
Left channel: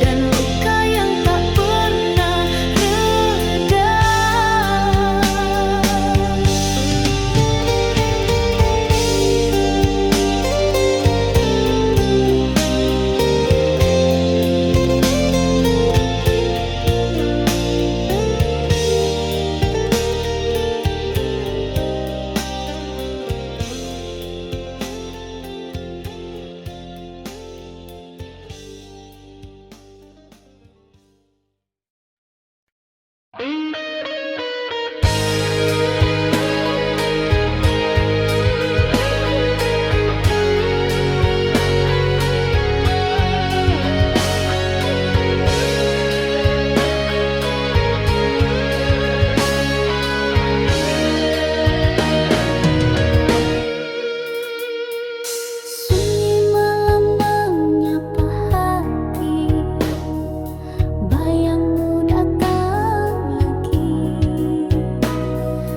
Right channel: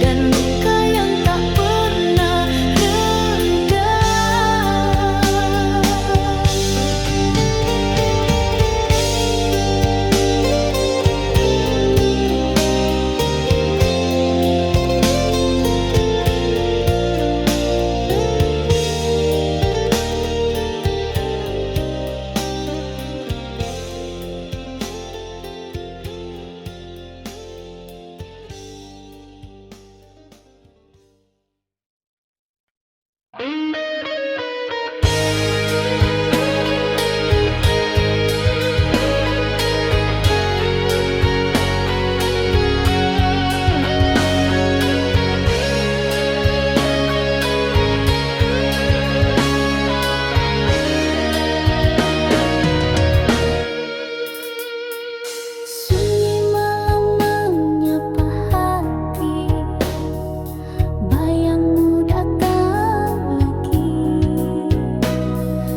dan luka yang tak pernah reda. Sunyi malam menyapa hati, bayangmu datang lagi.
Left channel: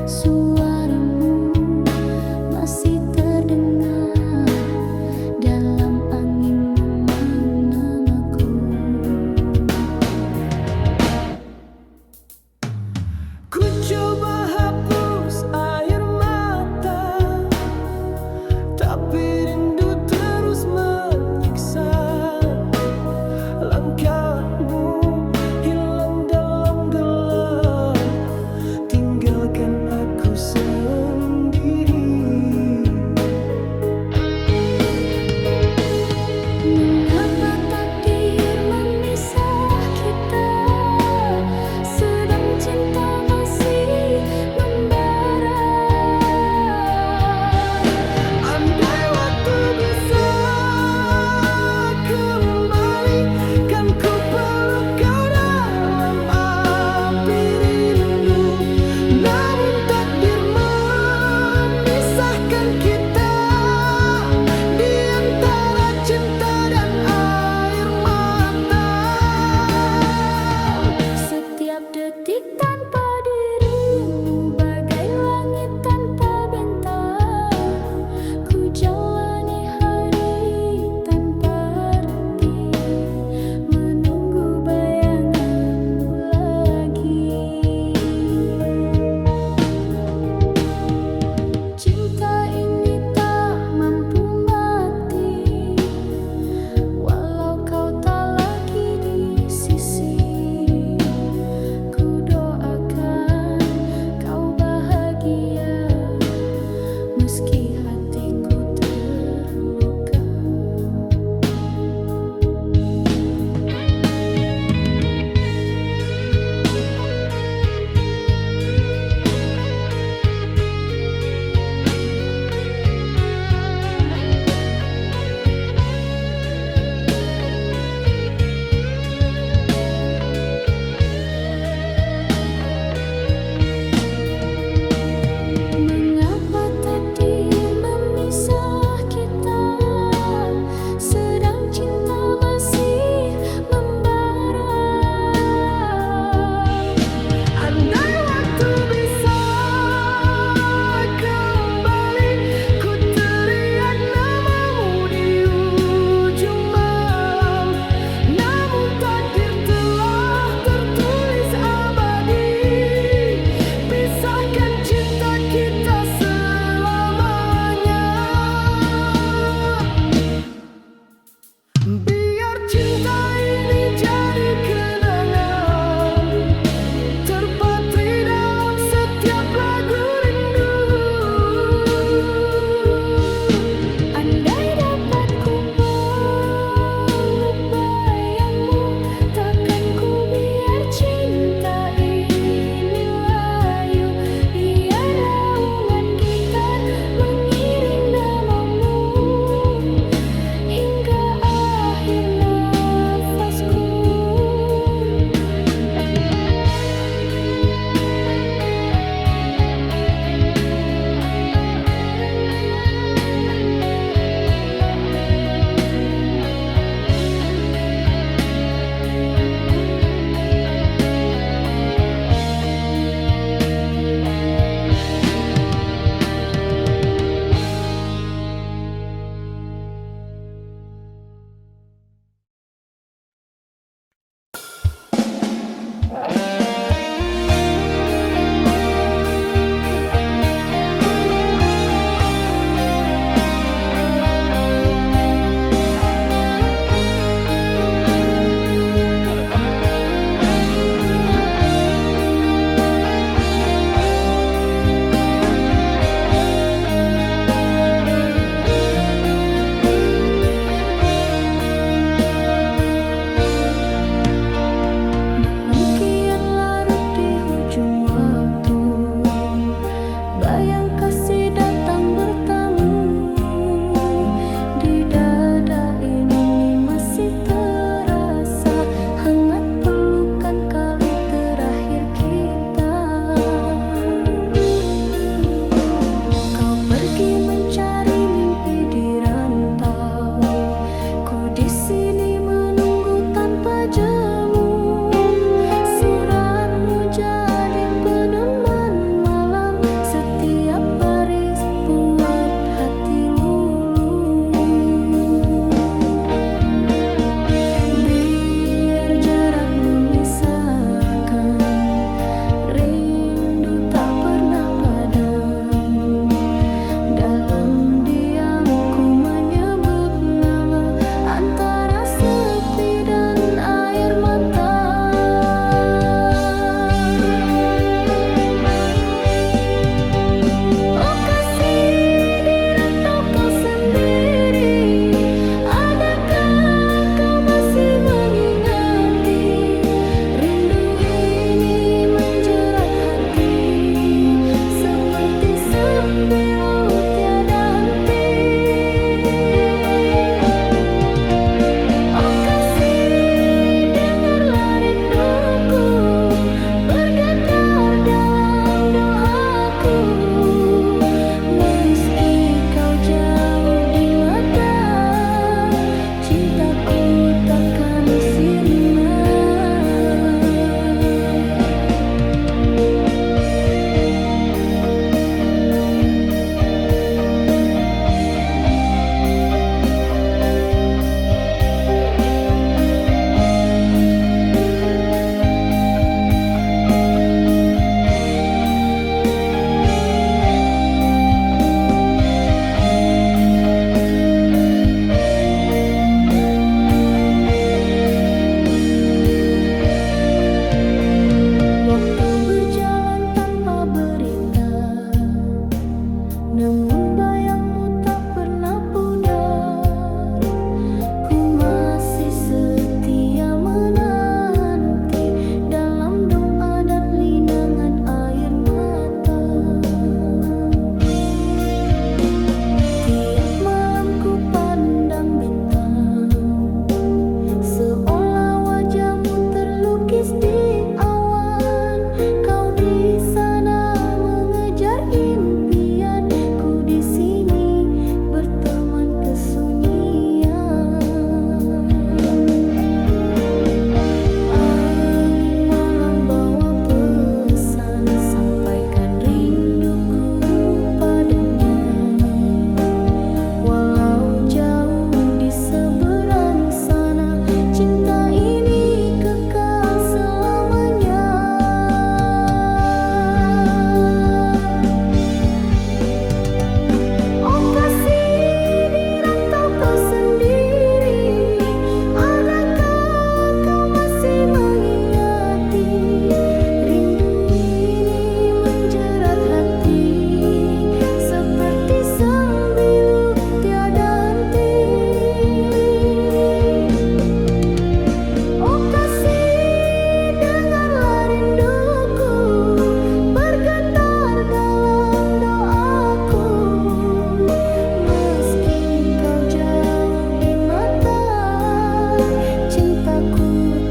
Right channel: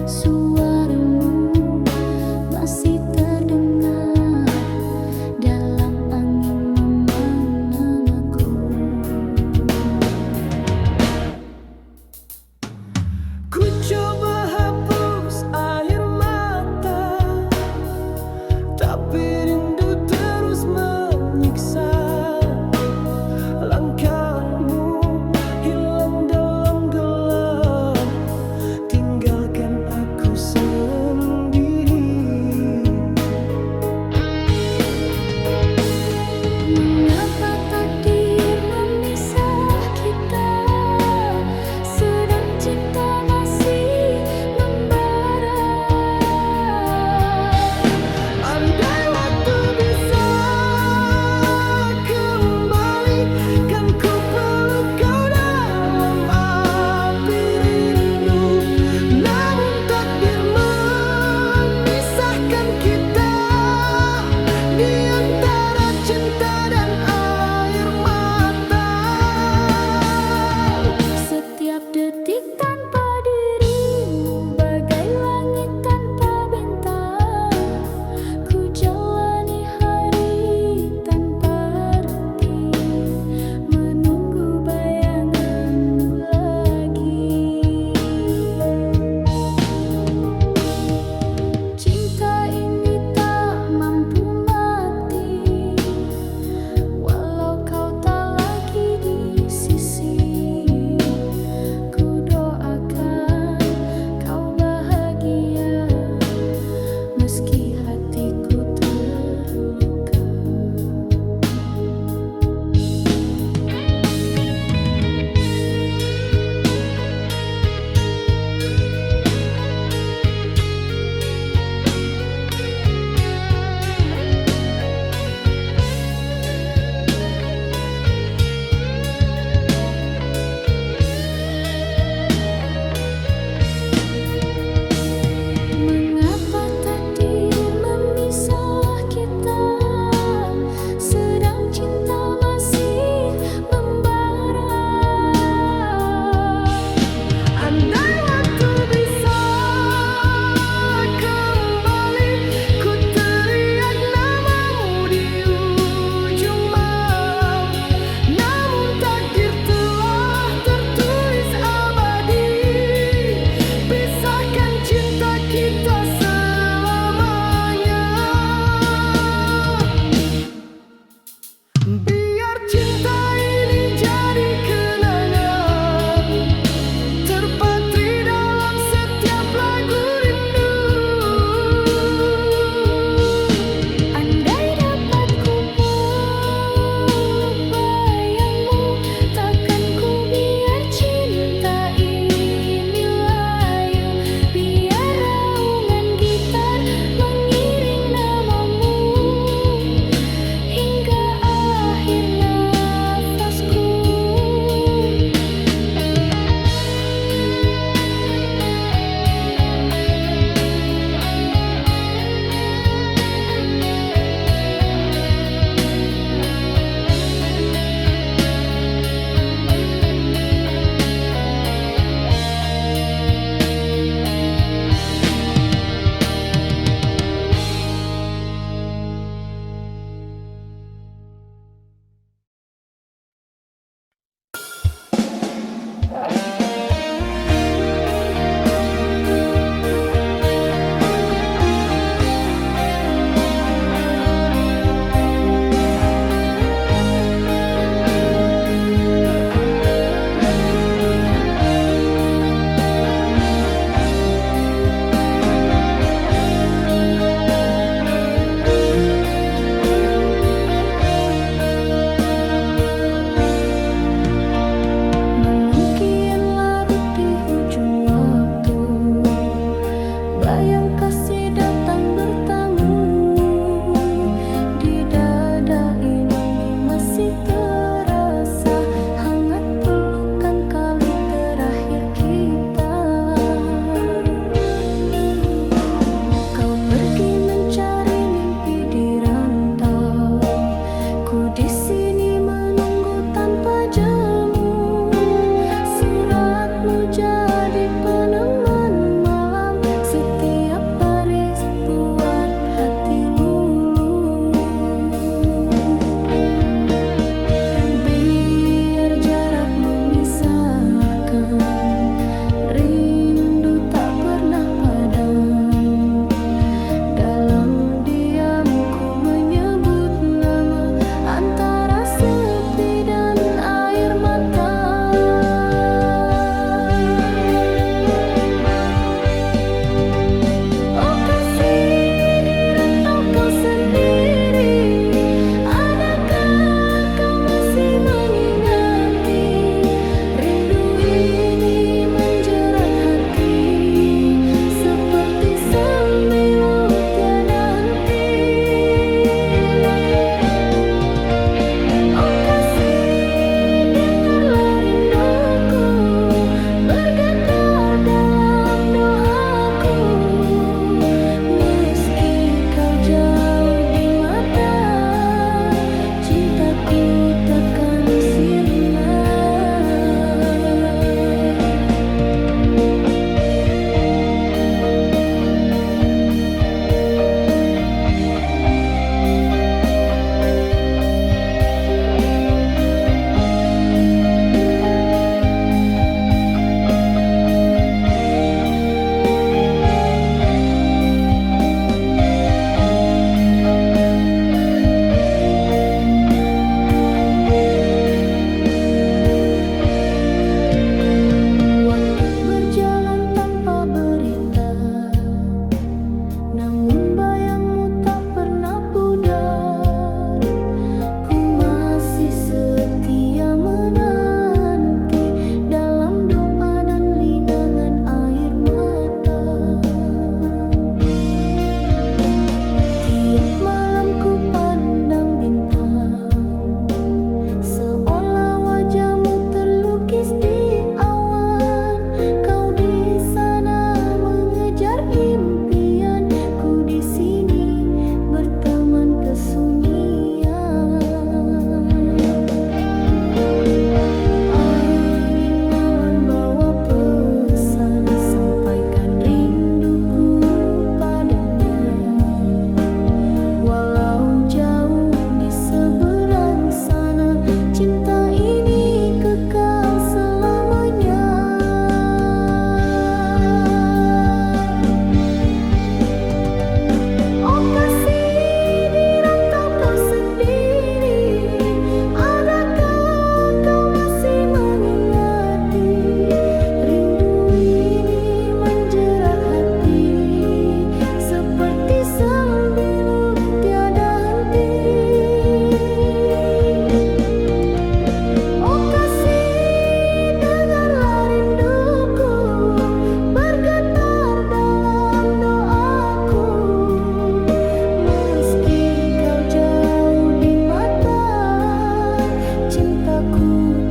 Suaramu masih terdengar dalam angin memang namaku. Ku coba hapus air mata, tapi rindu terus menyiksa. Langkahmu hilang dalam gelap, tinggalkan aku sendiri. Mengapa takdir memisah kita? Setiap detik tanpa dirimu bagai langit tanpa bintang. Ku jalani hari tanpa arti, menunggu bayanganmu lagi. Cinta ini tak mampu mati, walau kau tak lagi di sisi. Ku doakan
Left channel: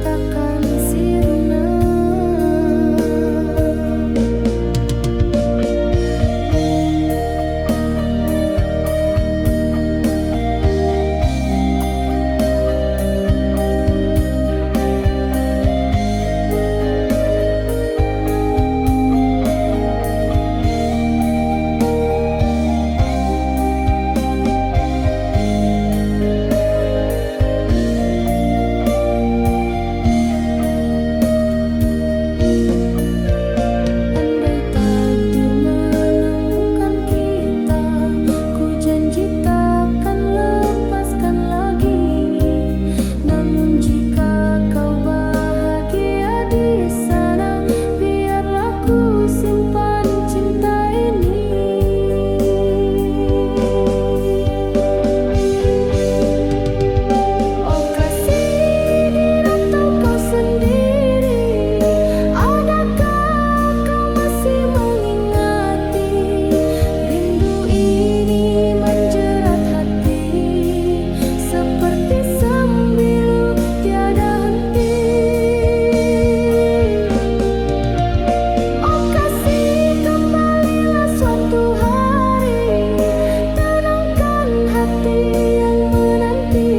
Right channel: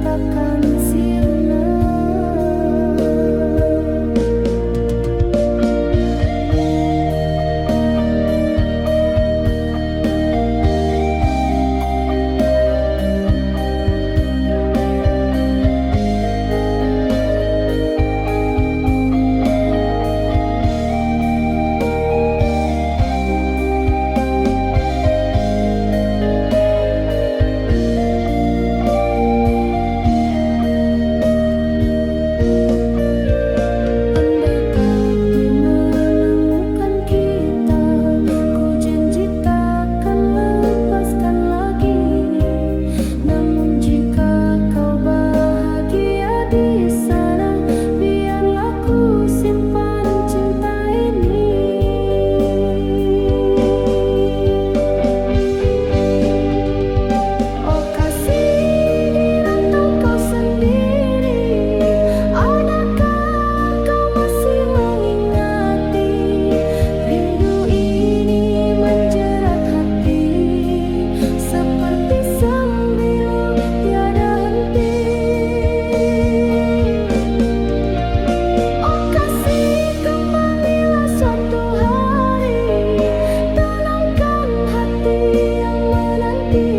takkan sirna. Andai takdir menemukan kita, ku janji takkan lepaskan lagi. Namun jika kau bahagia di sana, biarlah ku simpan cinta ini. Oh kasih, di rantau kau sendiri, adakah kau masih mengingati? Rindu ini menjerat hati, seperti sembilu tiada henti. Oh kasih, kembalilah suatu hari, tenangkan hati yang menanti.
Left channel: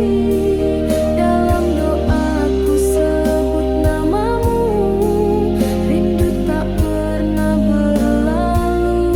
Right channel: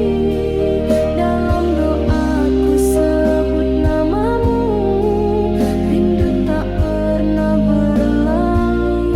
Dalam doaku sebut namamu, rindu tak pernah berlalu.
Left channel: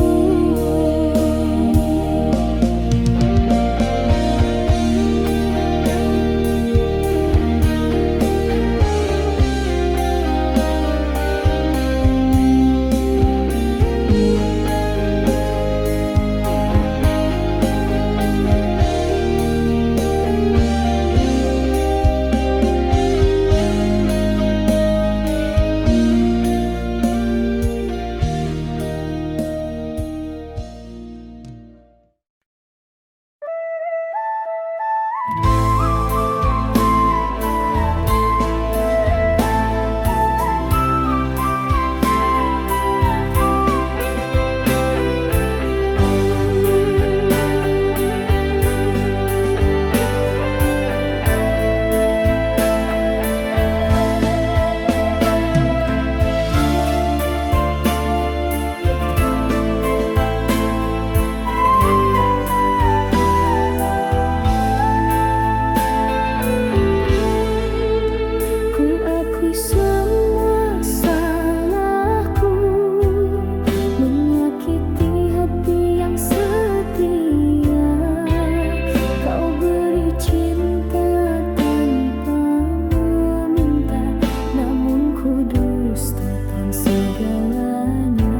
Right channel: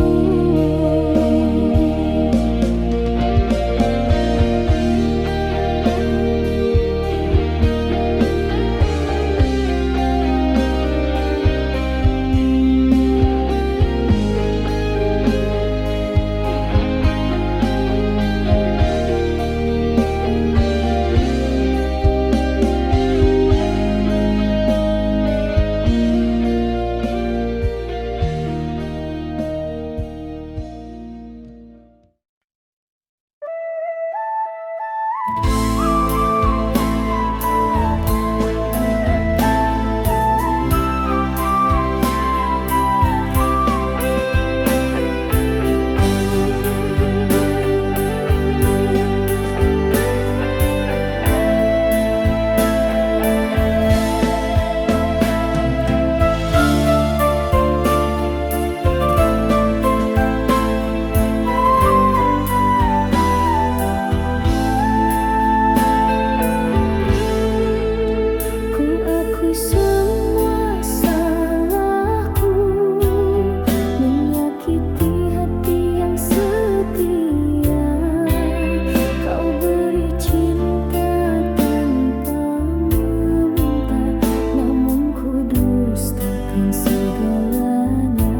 Ku akui semua salahku, menyakiti hati yang setia. Kau beri cinta tanpa meminta, namun ku dustakan segalanya.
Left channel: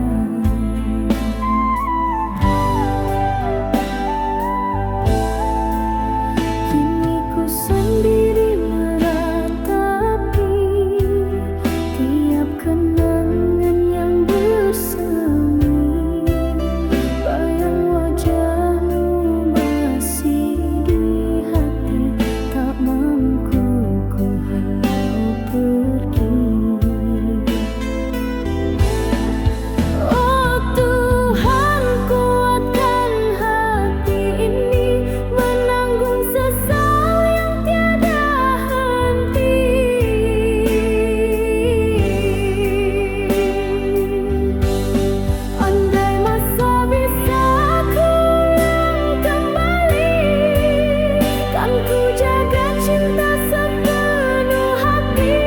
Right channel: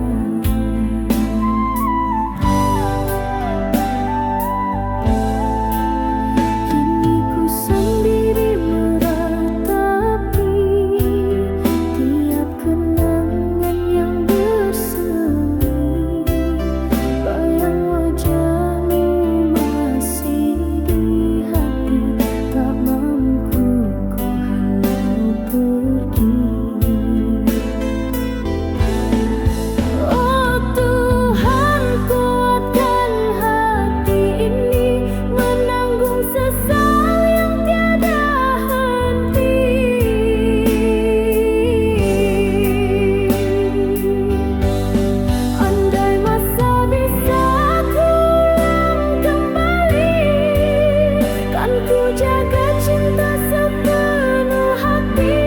Kini ku sendiri meratapi tiap kenangan yang bersemi. Bayang wajahmu masih di hati, tak mampu ku halau pergi. Oh Tuhan, kuatkan hati ini menanggung sesal yang tiada henti. Andai masa bisa kuulang kembali, kan ku jaga cinta sepenuh hati.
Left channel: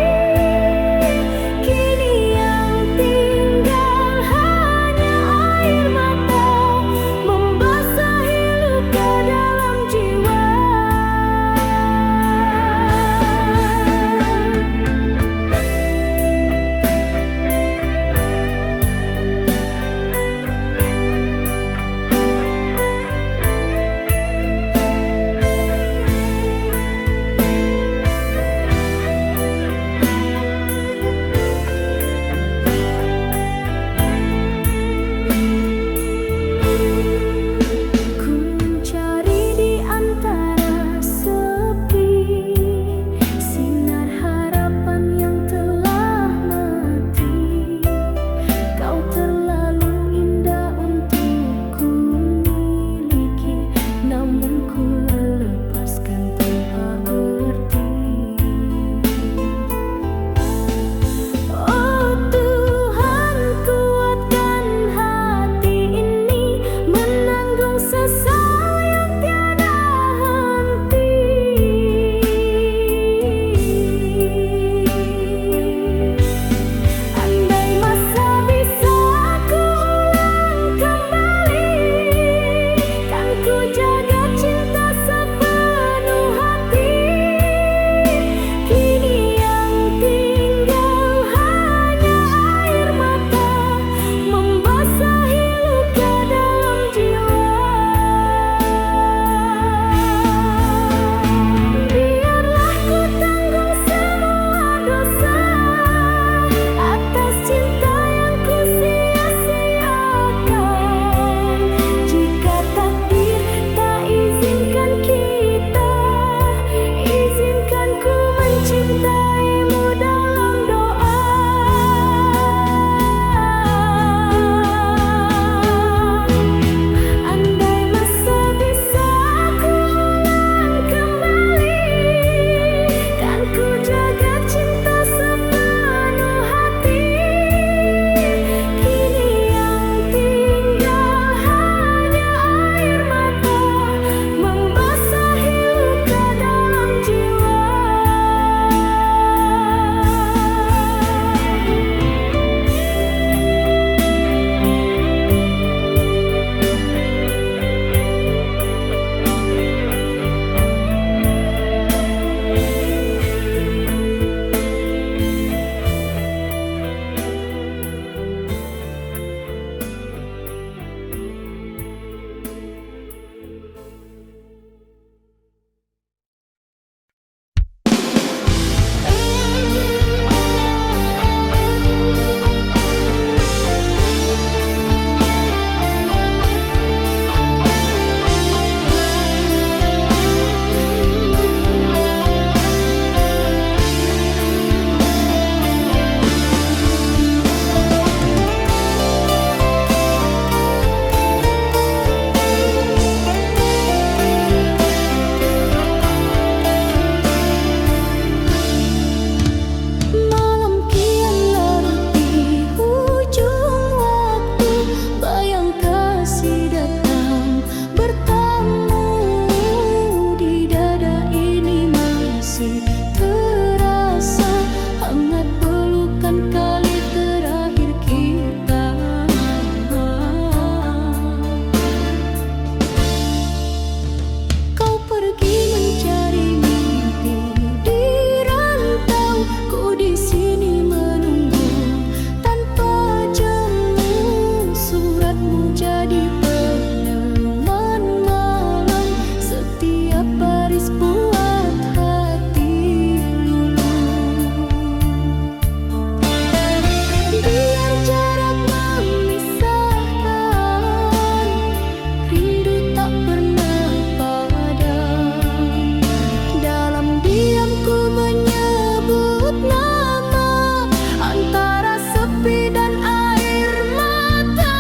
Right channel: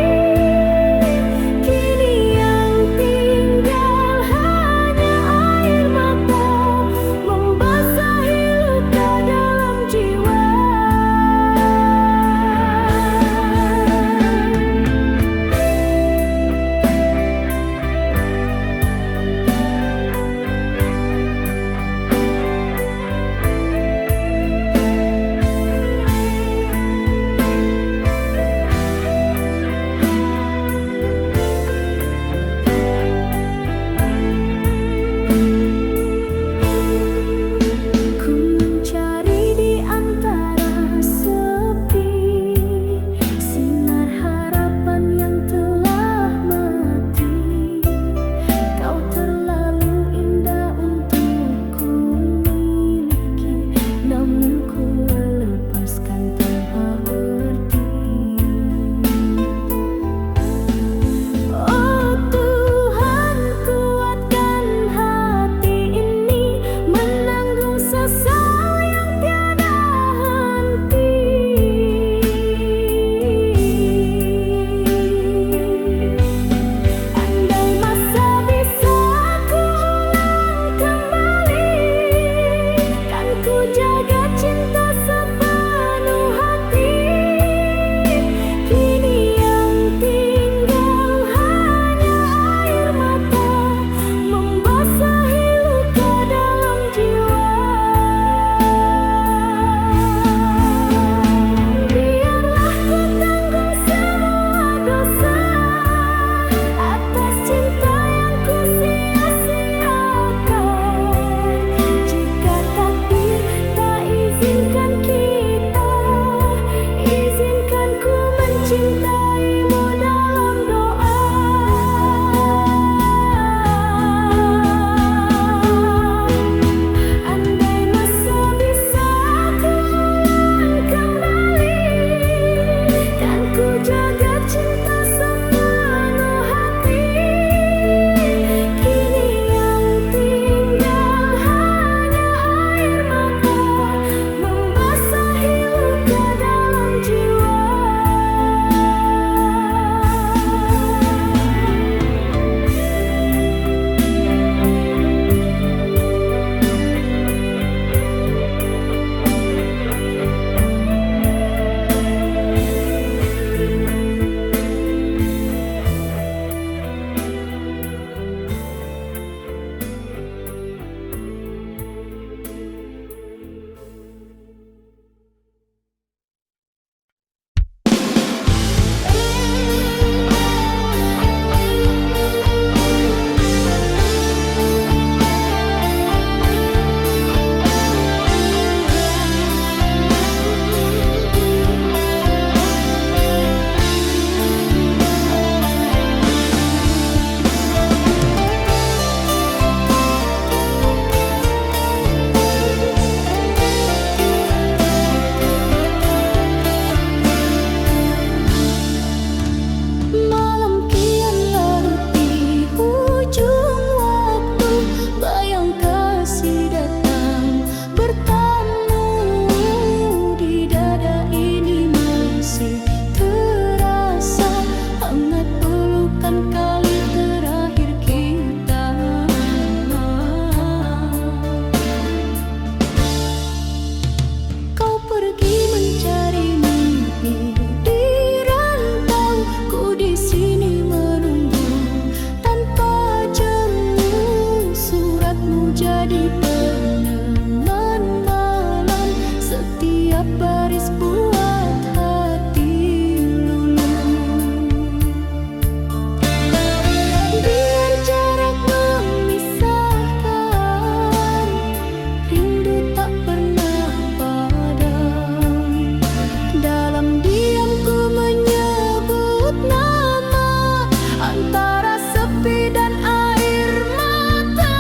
antara sepi dan air mata.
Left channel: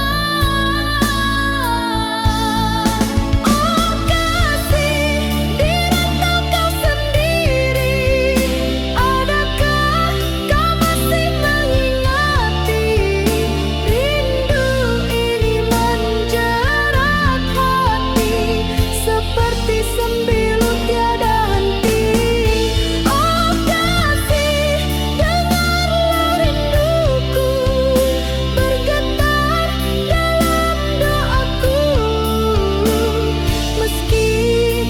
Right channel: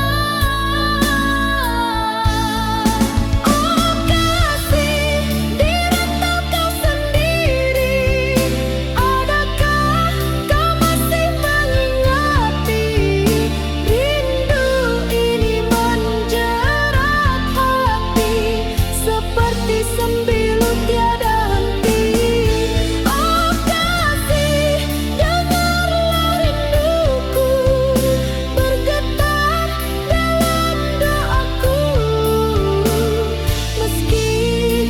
Oh kasih, di rantau kau sendiri, adakah kau masih mengingati? Rindu ini menjerat hati, seperti sembilu tiada henti. Oh kasih, dengarlah rinduku bergetar dalam doaku. Meski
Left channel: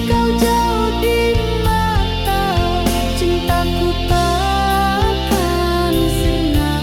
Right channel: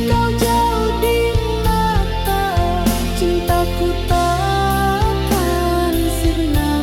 kau jauh di mata, cintaku takkan sirna.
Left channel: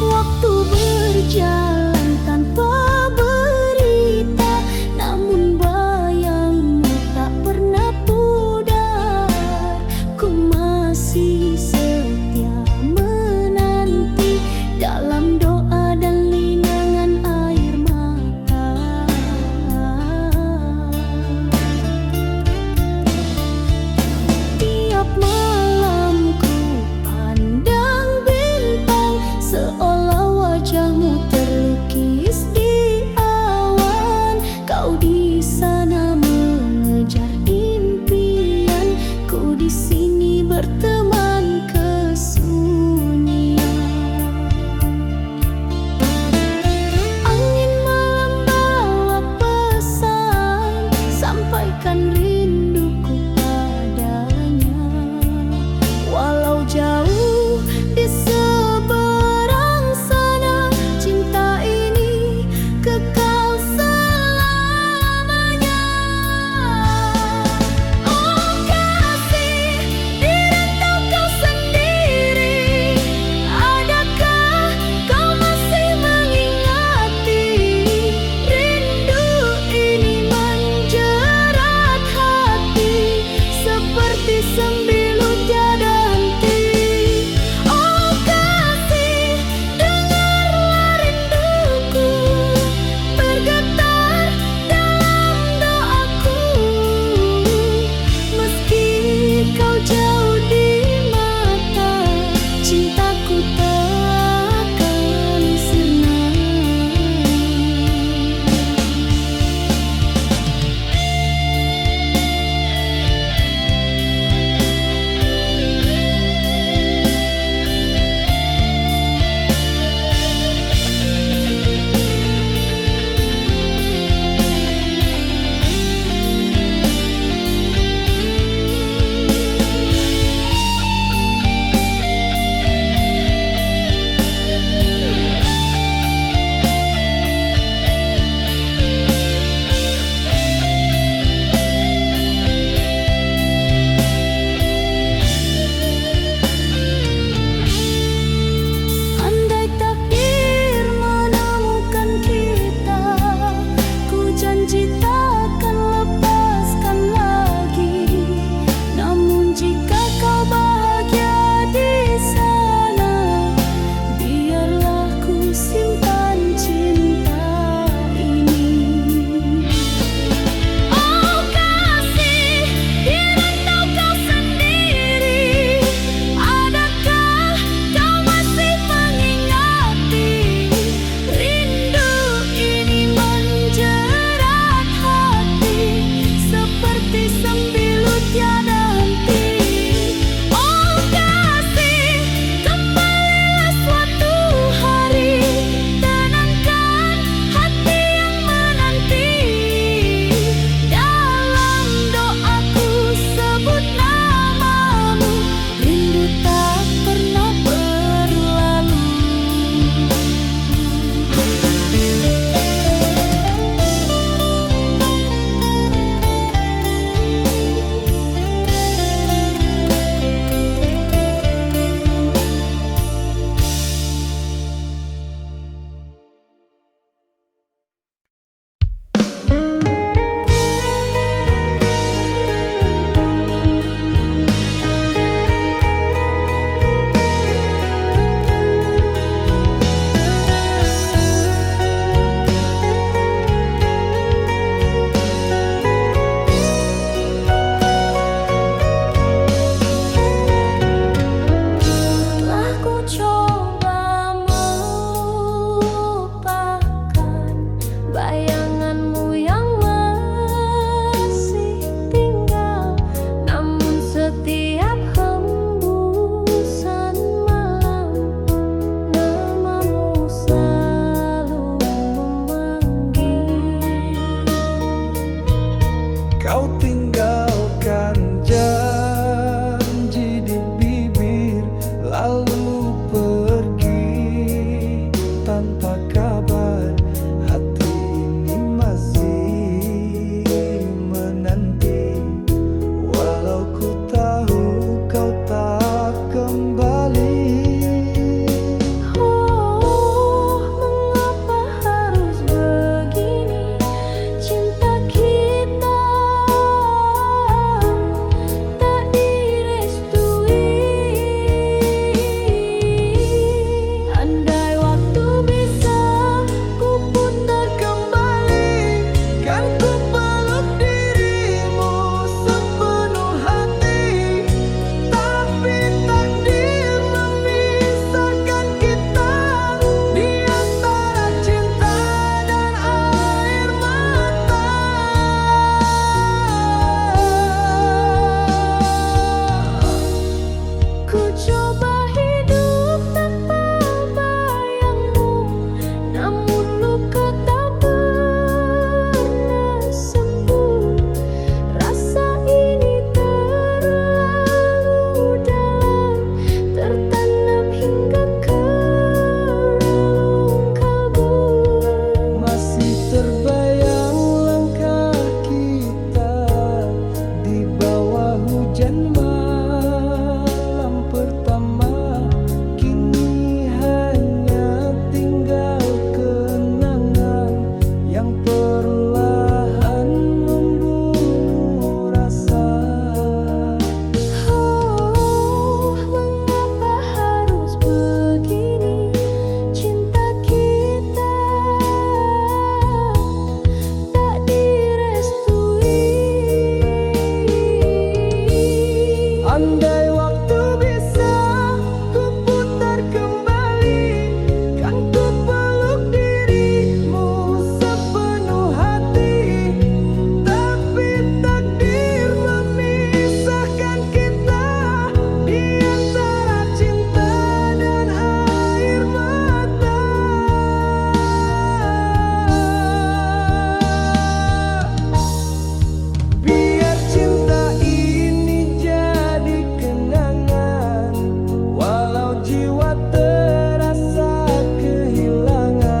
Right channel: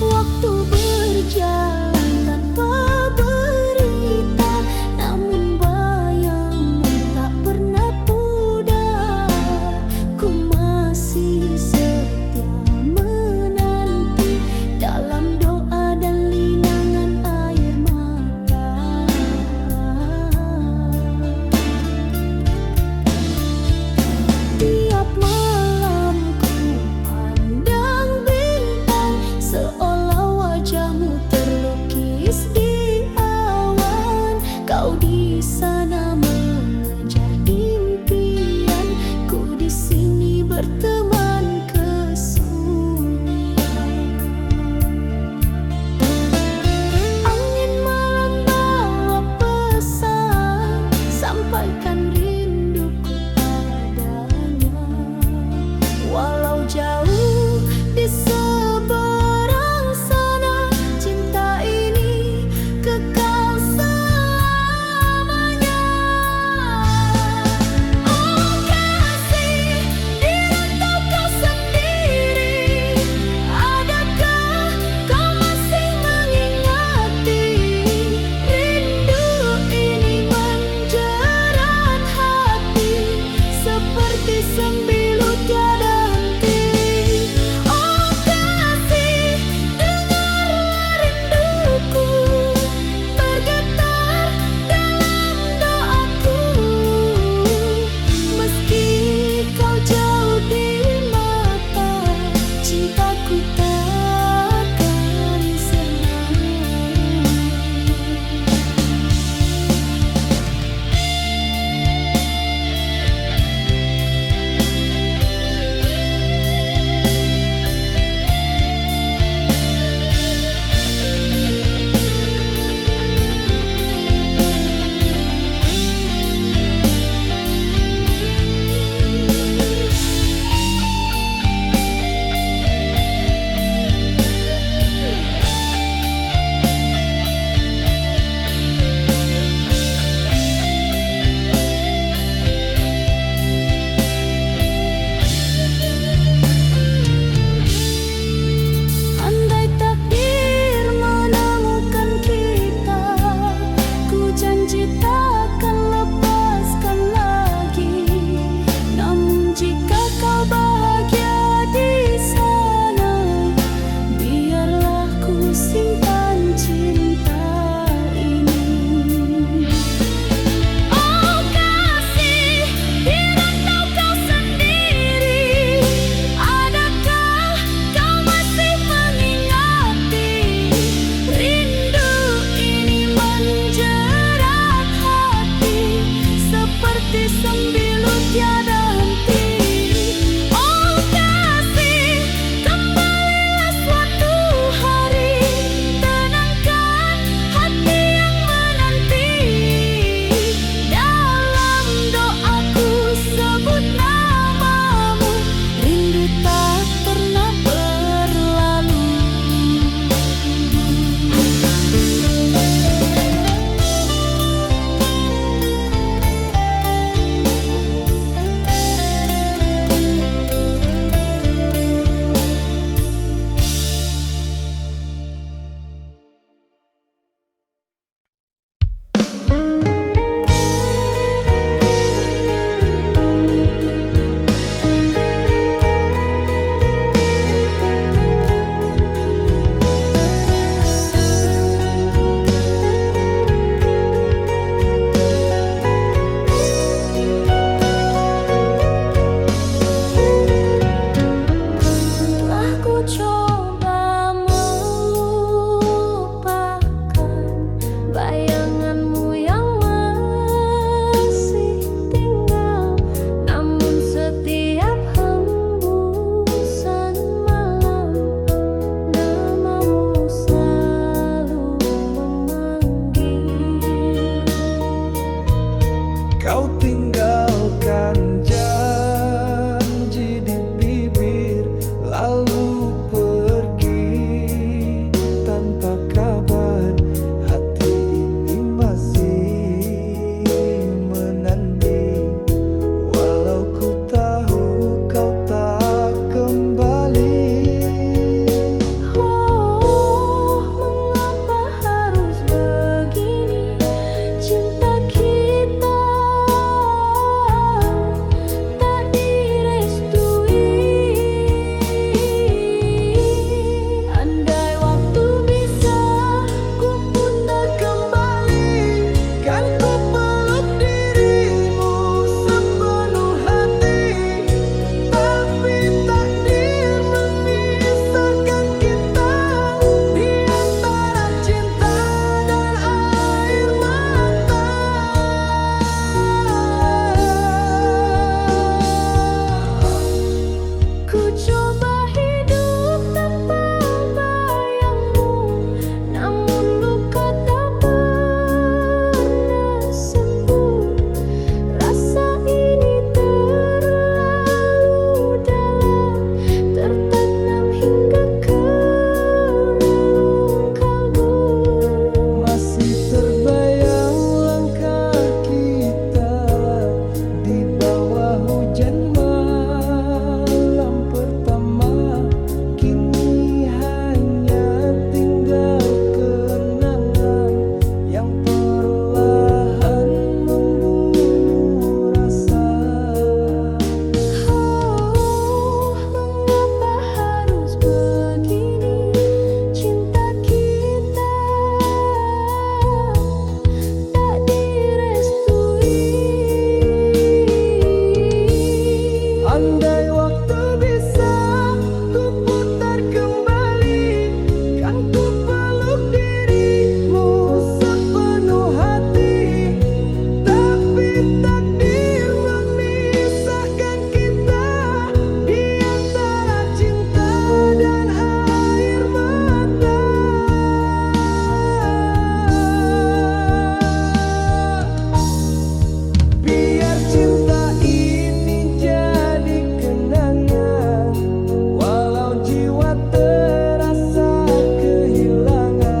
Waktu berjalan tanpa berita, namun bayangmu tak pernah pudar. Ku masih setia menanti dalam doa dan linangan air mata. Tiap malam ku pandang bintang, seolah wajahmu terlukis di awan. Kau di sana mengejar impian, ku di sini berteman kesunyian. Angin malam bawa pesan, sampaikan rinduku padanya. Walau jauh di seberang sana, cinta ini apa kabar? Hati ini masih menanti, walau ku tahu kau tak kembali. Oh, mengapa harus begini? Cinta kita tak direstui. Andai waktu bisa ku putar kembali, Kan ku peluk dirimu sepenuh hati, tapi takdir memisahkan kita di antara cinta dan air mata. ku coba hidup tanpa bayangmu, namun luka tak pernah sembuh. Rasa ini terlalu dalam, tertanam hingga ke relung kalbu. Masih terbayang langkah kita di bawah hujan malam pertama. Kini hanya tinggal kenangan yang perlahan membunuh rasa. Oh, mengapa harus begini? Cinta kita tak direstui. Andai waktu bisa ku putar kembali, kan ku peluk dirimu sepenuh hati, tapi takdir memisahkan kita di antara cinta dan air mata. Biar cinta ini jadi kenangan, walau jiwa terasa kehilangan.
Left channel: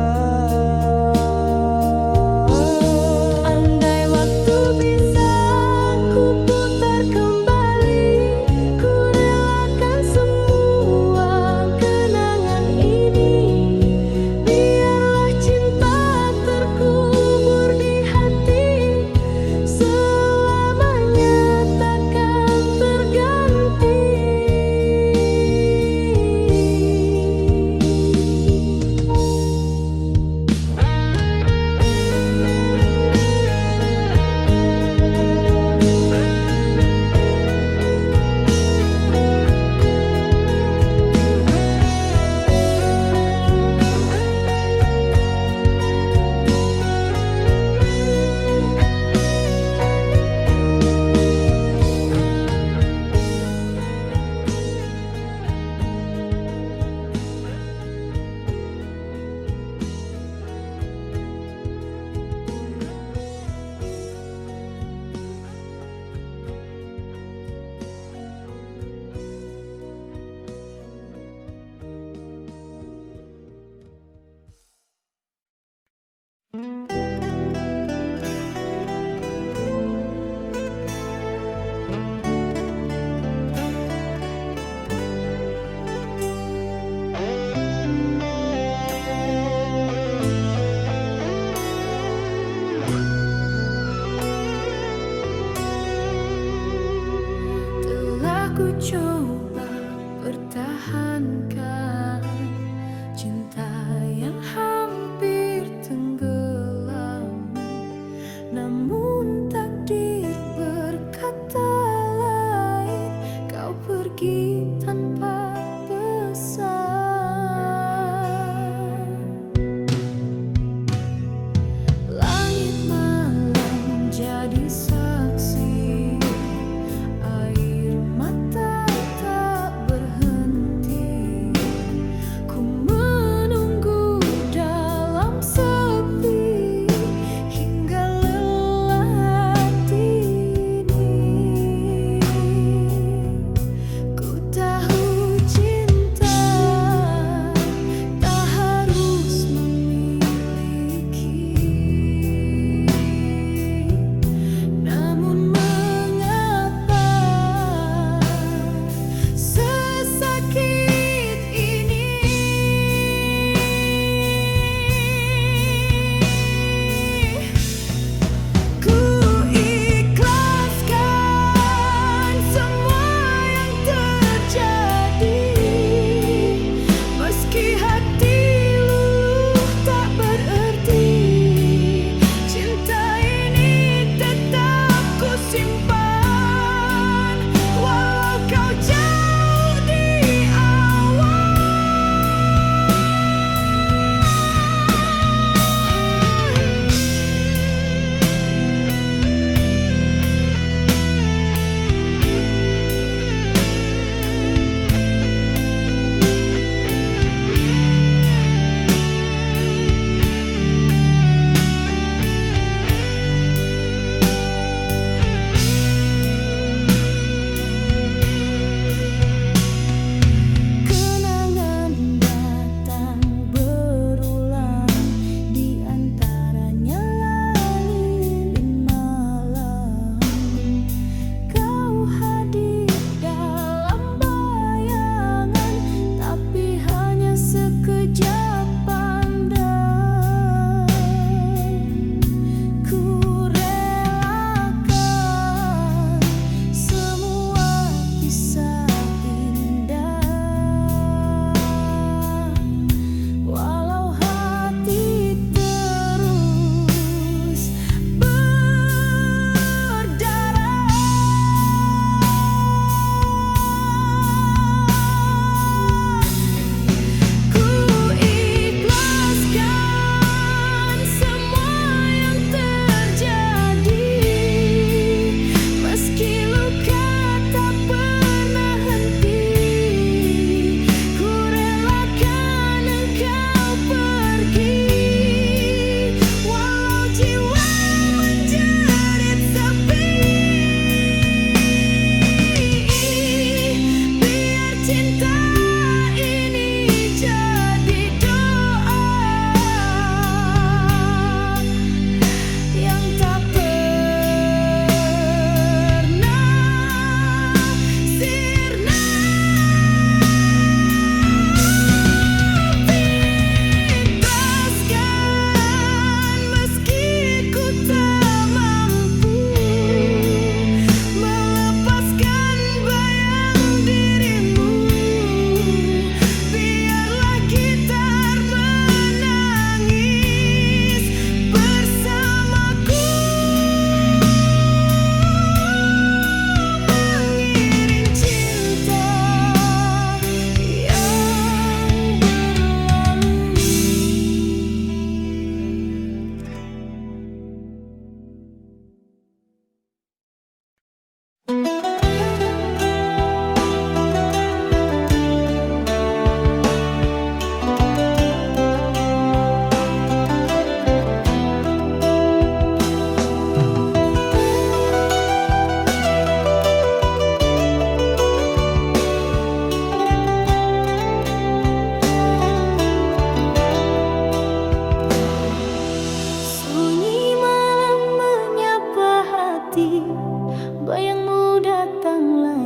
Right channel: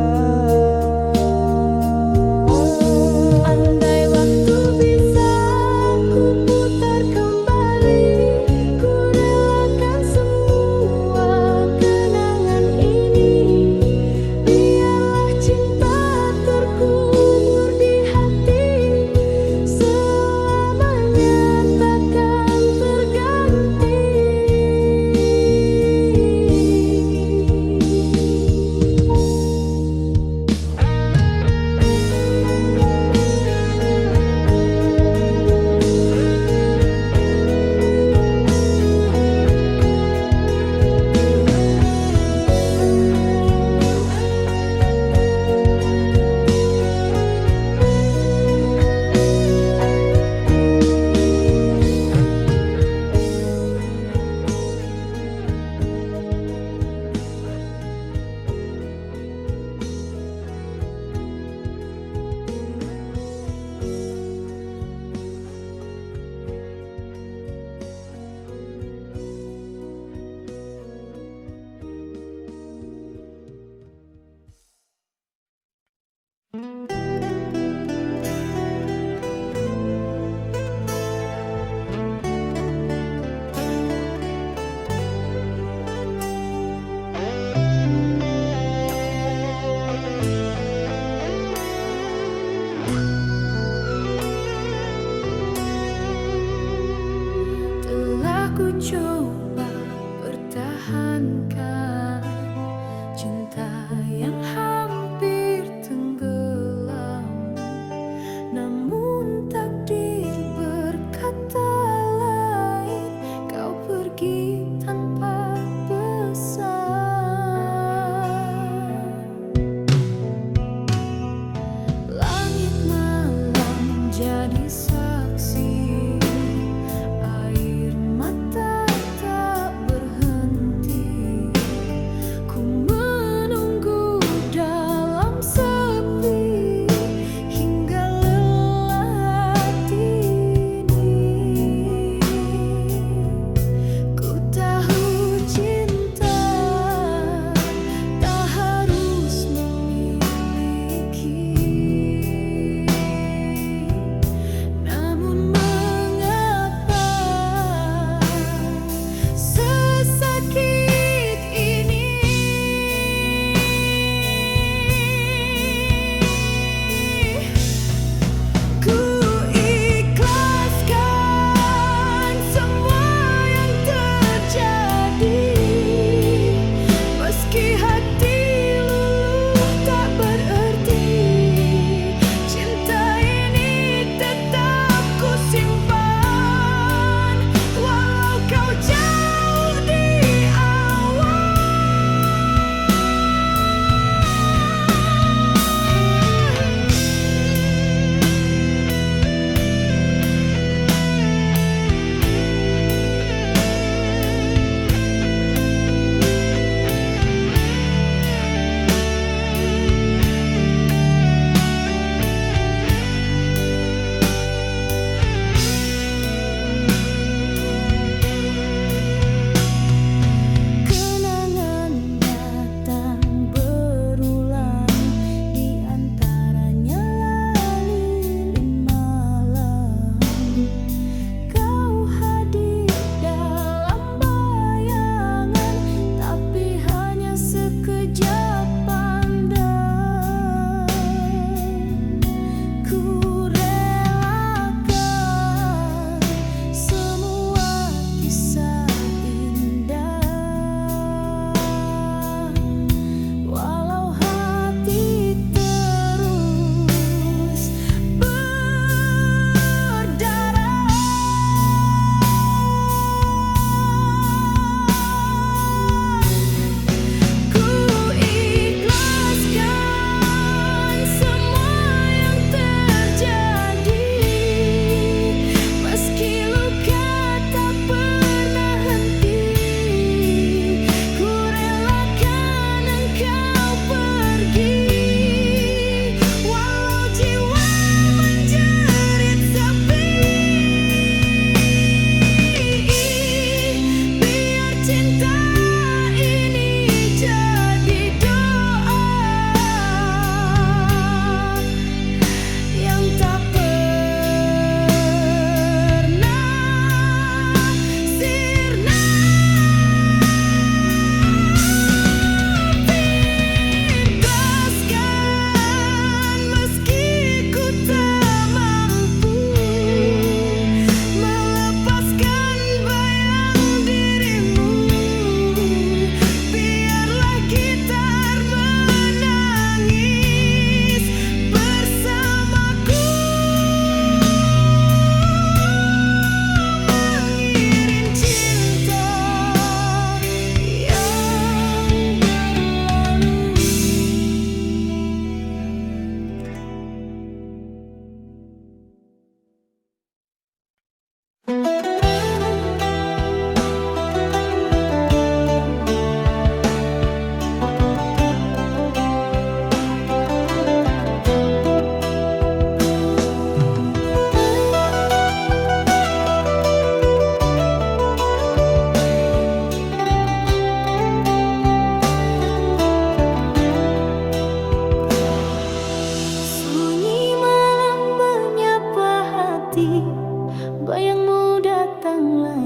Andai waktu bisa ku putar kembali, ku relakan semua kenangan ini. Biarlah cinta terkubur di hati, selamanya takkan terganti. Telah ku coba pertahankan cinta yang hampir tenggelam, namun takdir berkata lain. Kau pergi tanpa pesan. Langit malam jadi saksi, air mata tak berhenti. Ku menunggu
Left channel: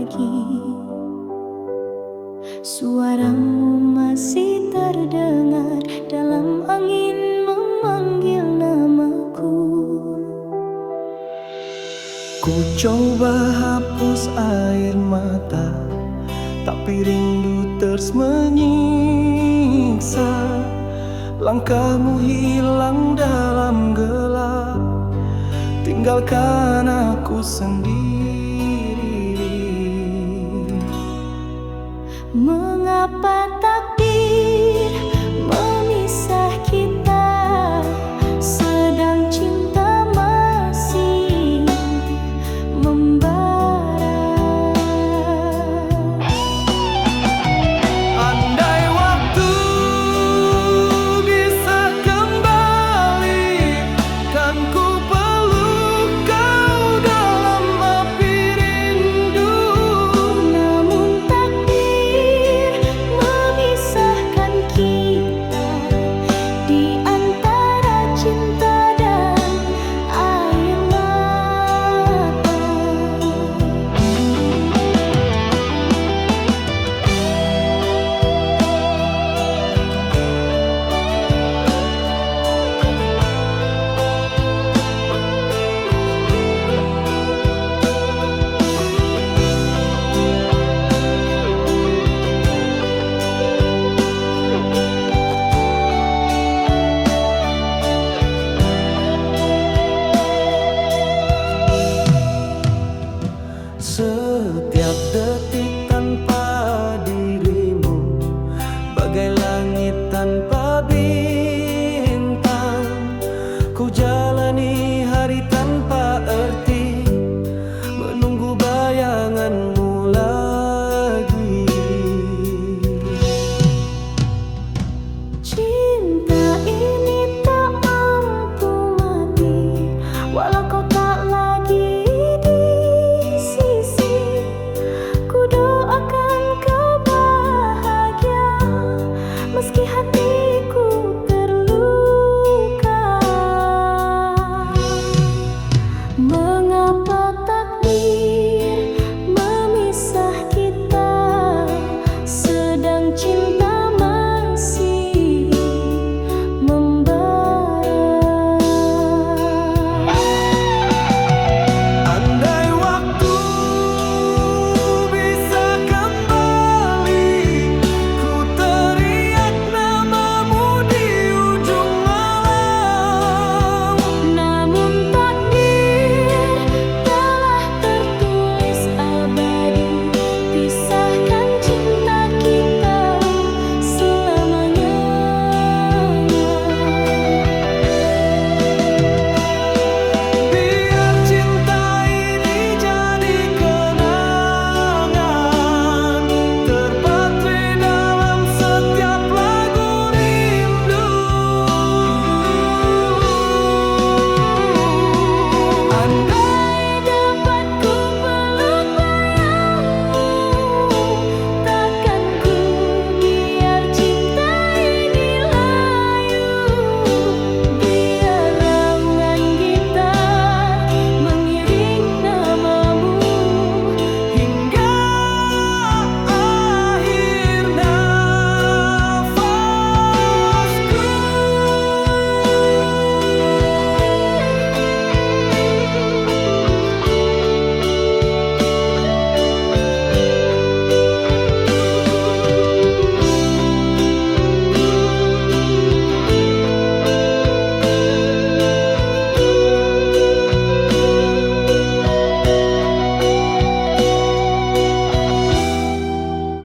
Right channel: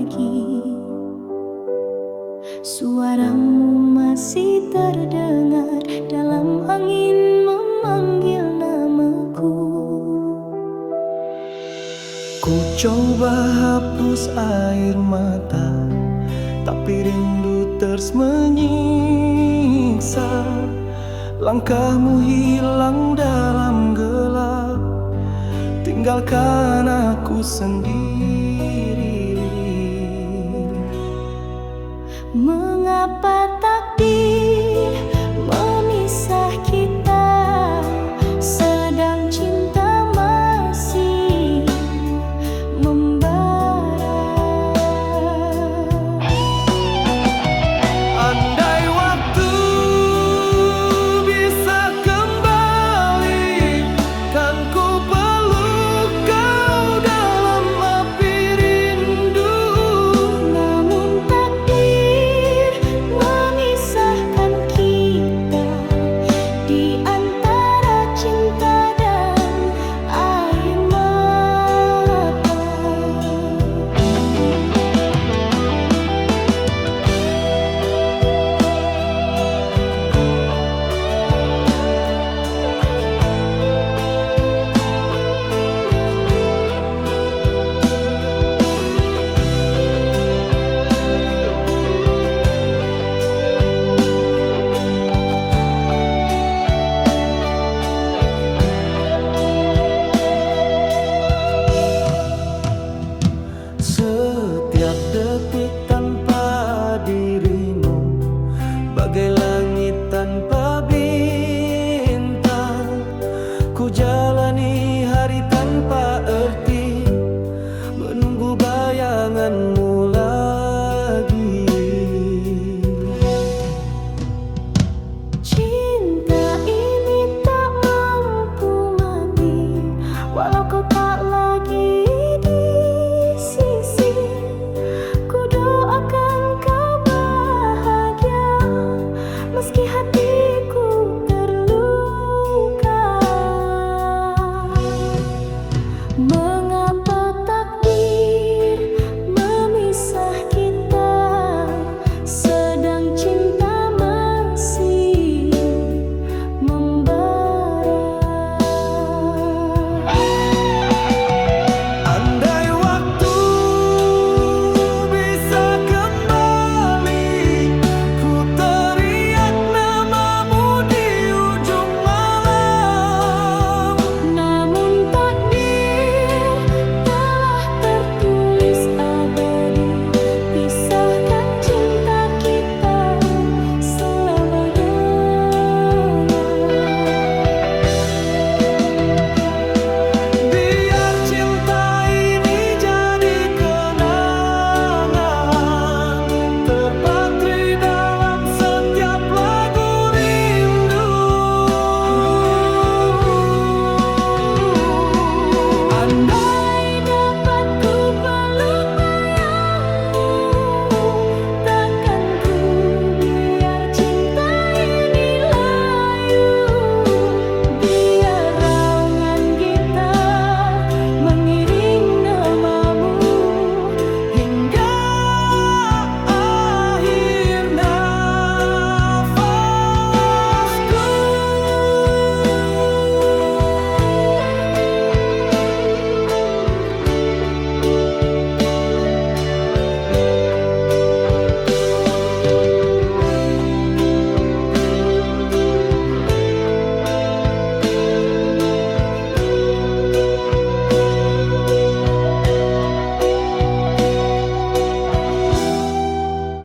lagi. Suaramu masih terdengar dalam angin memanggil namaku. Ku coba hapus air mata, tapi rindu terus menyiksa. Langkahmu hilang dalam gelap, tinggalkan aku sendiri. Mengapa takdir memisah kita, sedang cinta masih membara. Andai waktu bisa kembali, kan ku peluk kau dalam api rindu. Namun takdir memisahkan kita di antara cinta dan air mata. Setiap detik tanpa dirimu, bagai langit tanpa bintang. Ku jalani hari tanpa arti, menunggu bayanganmu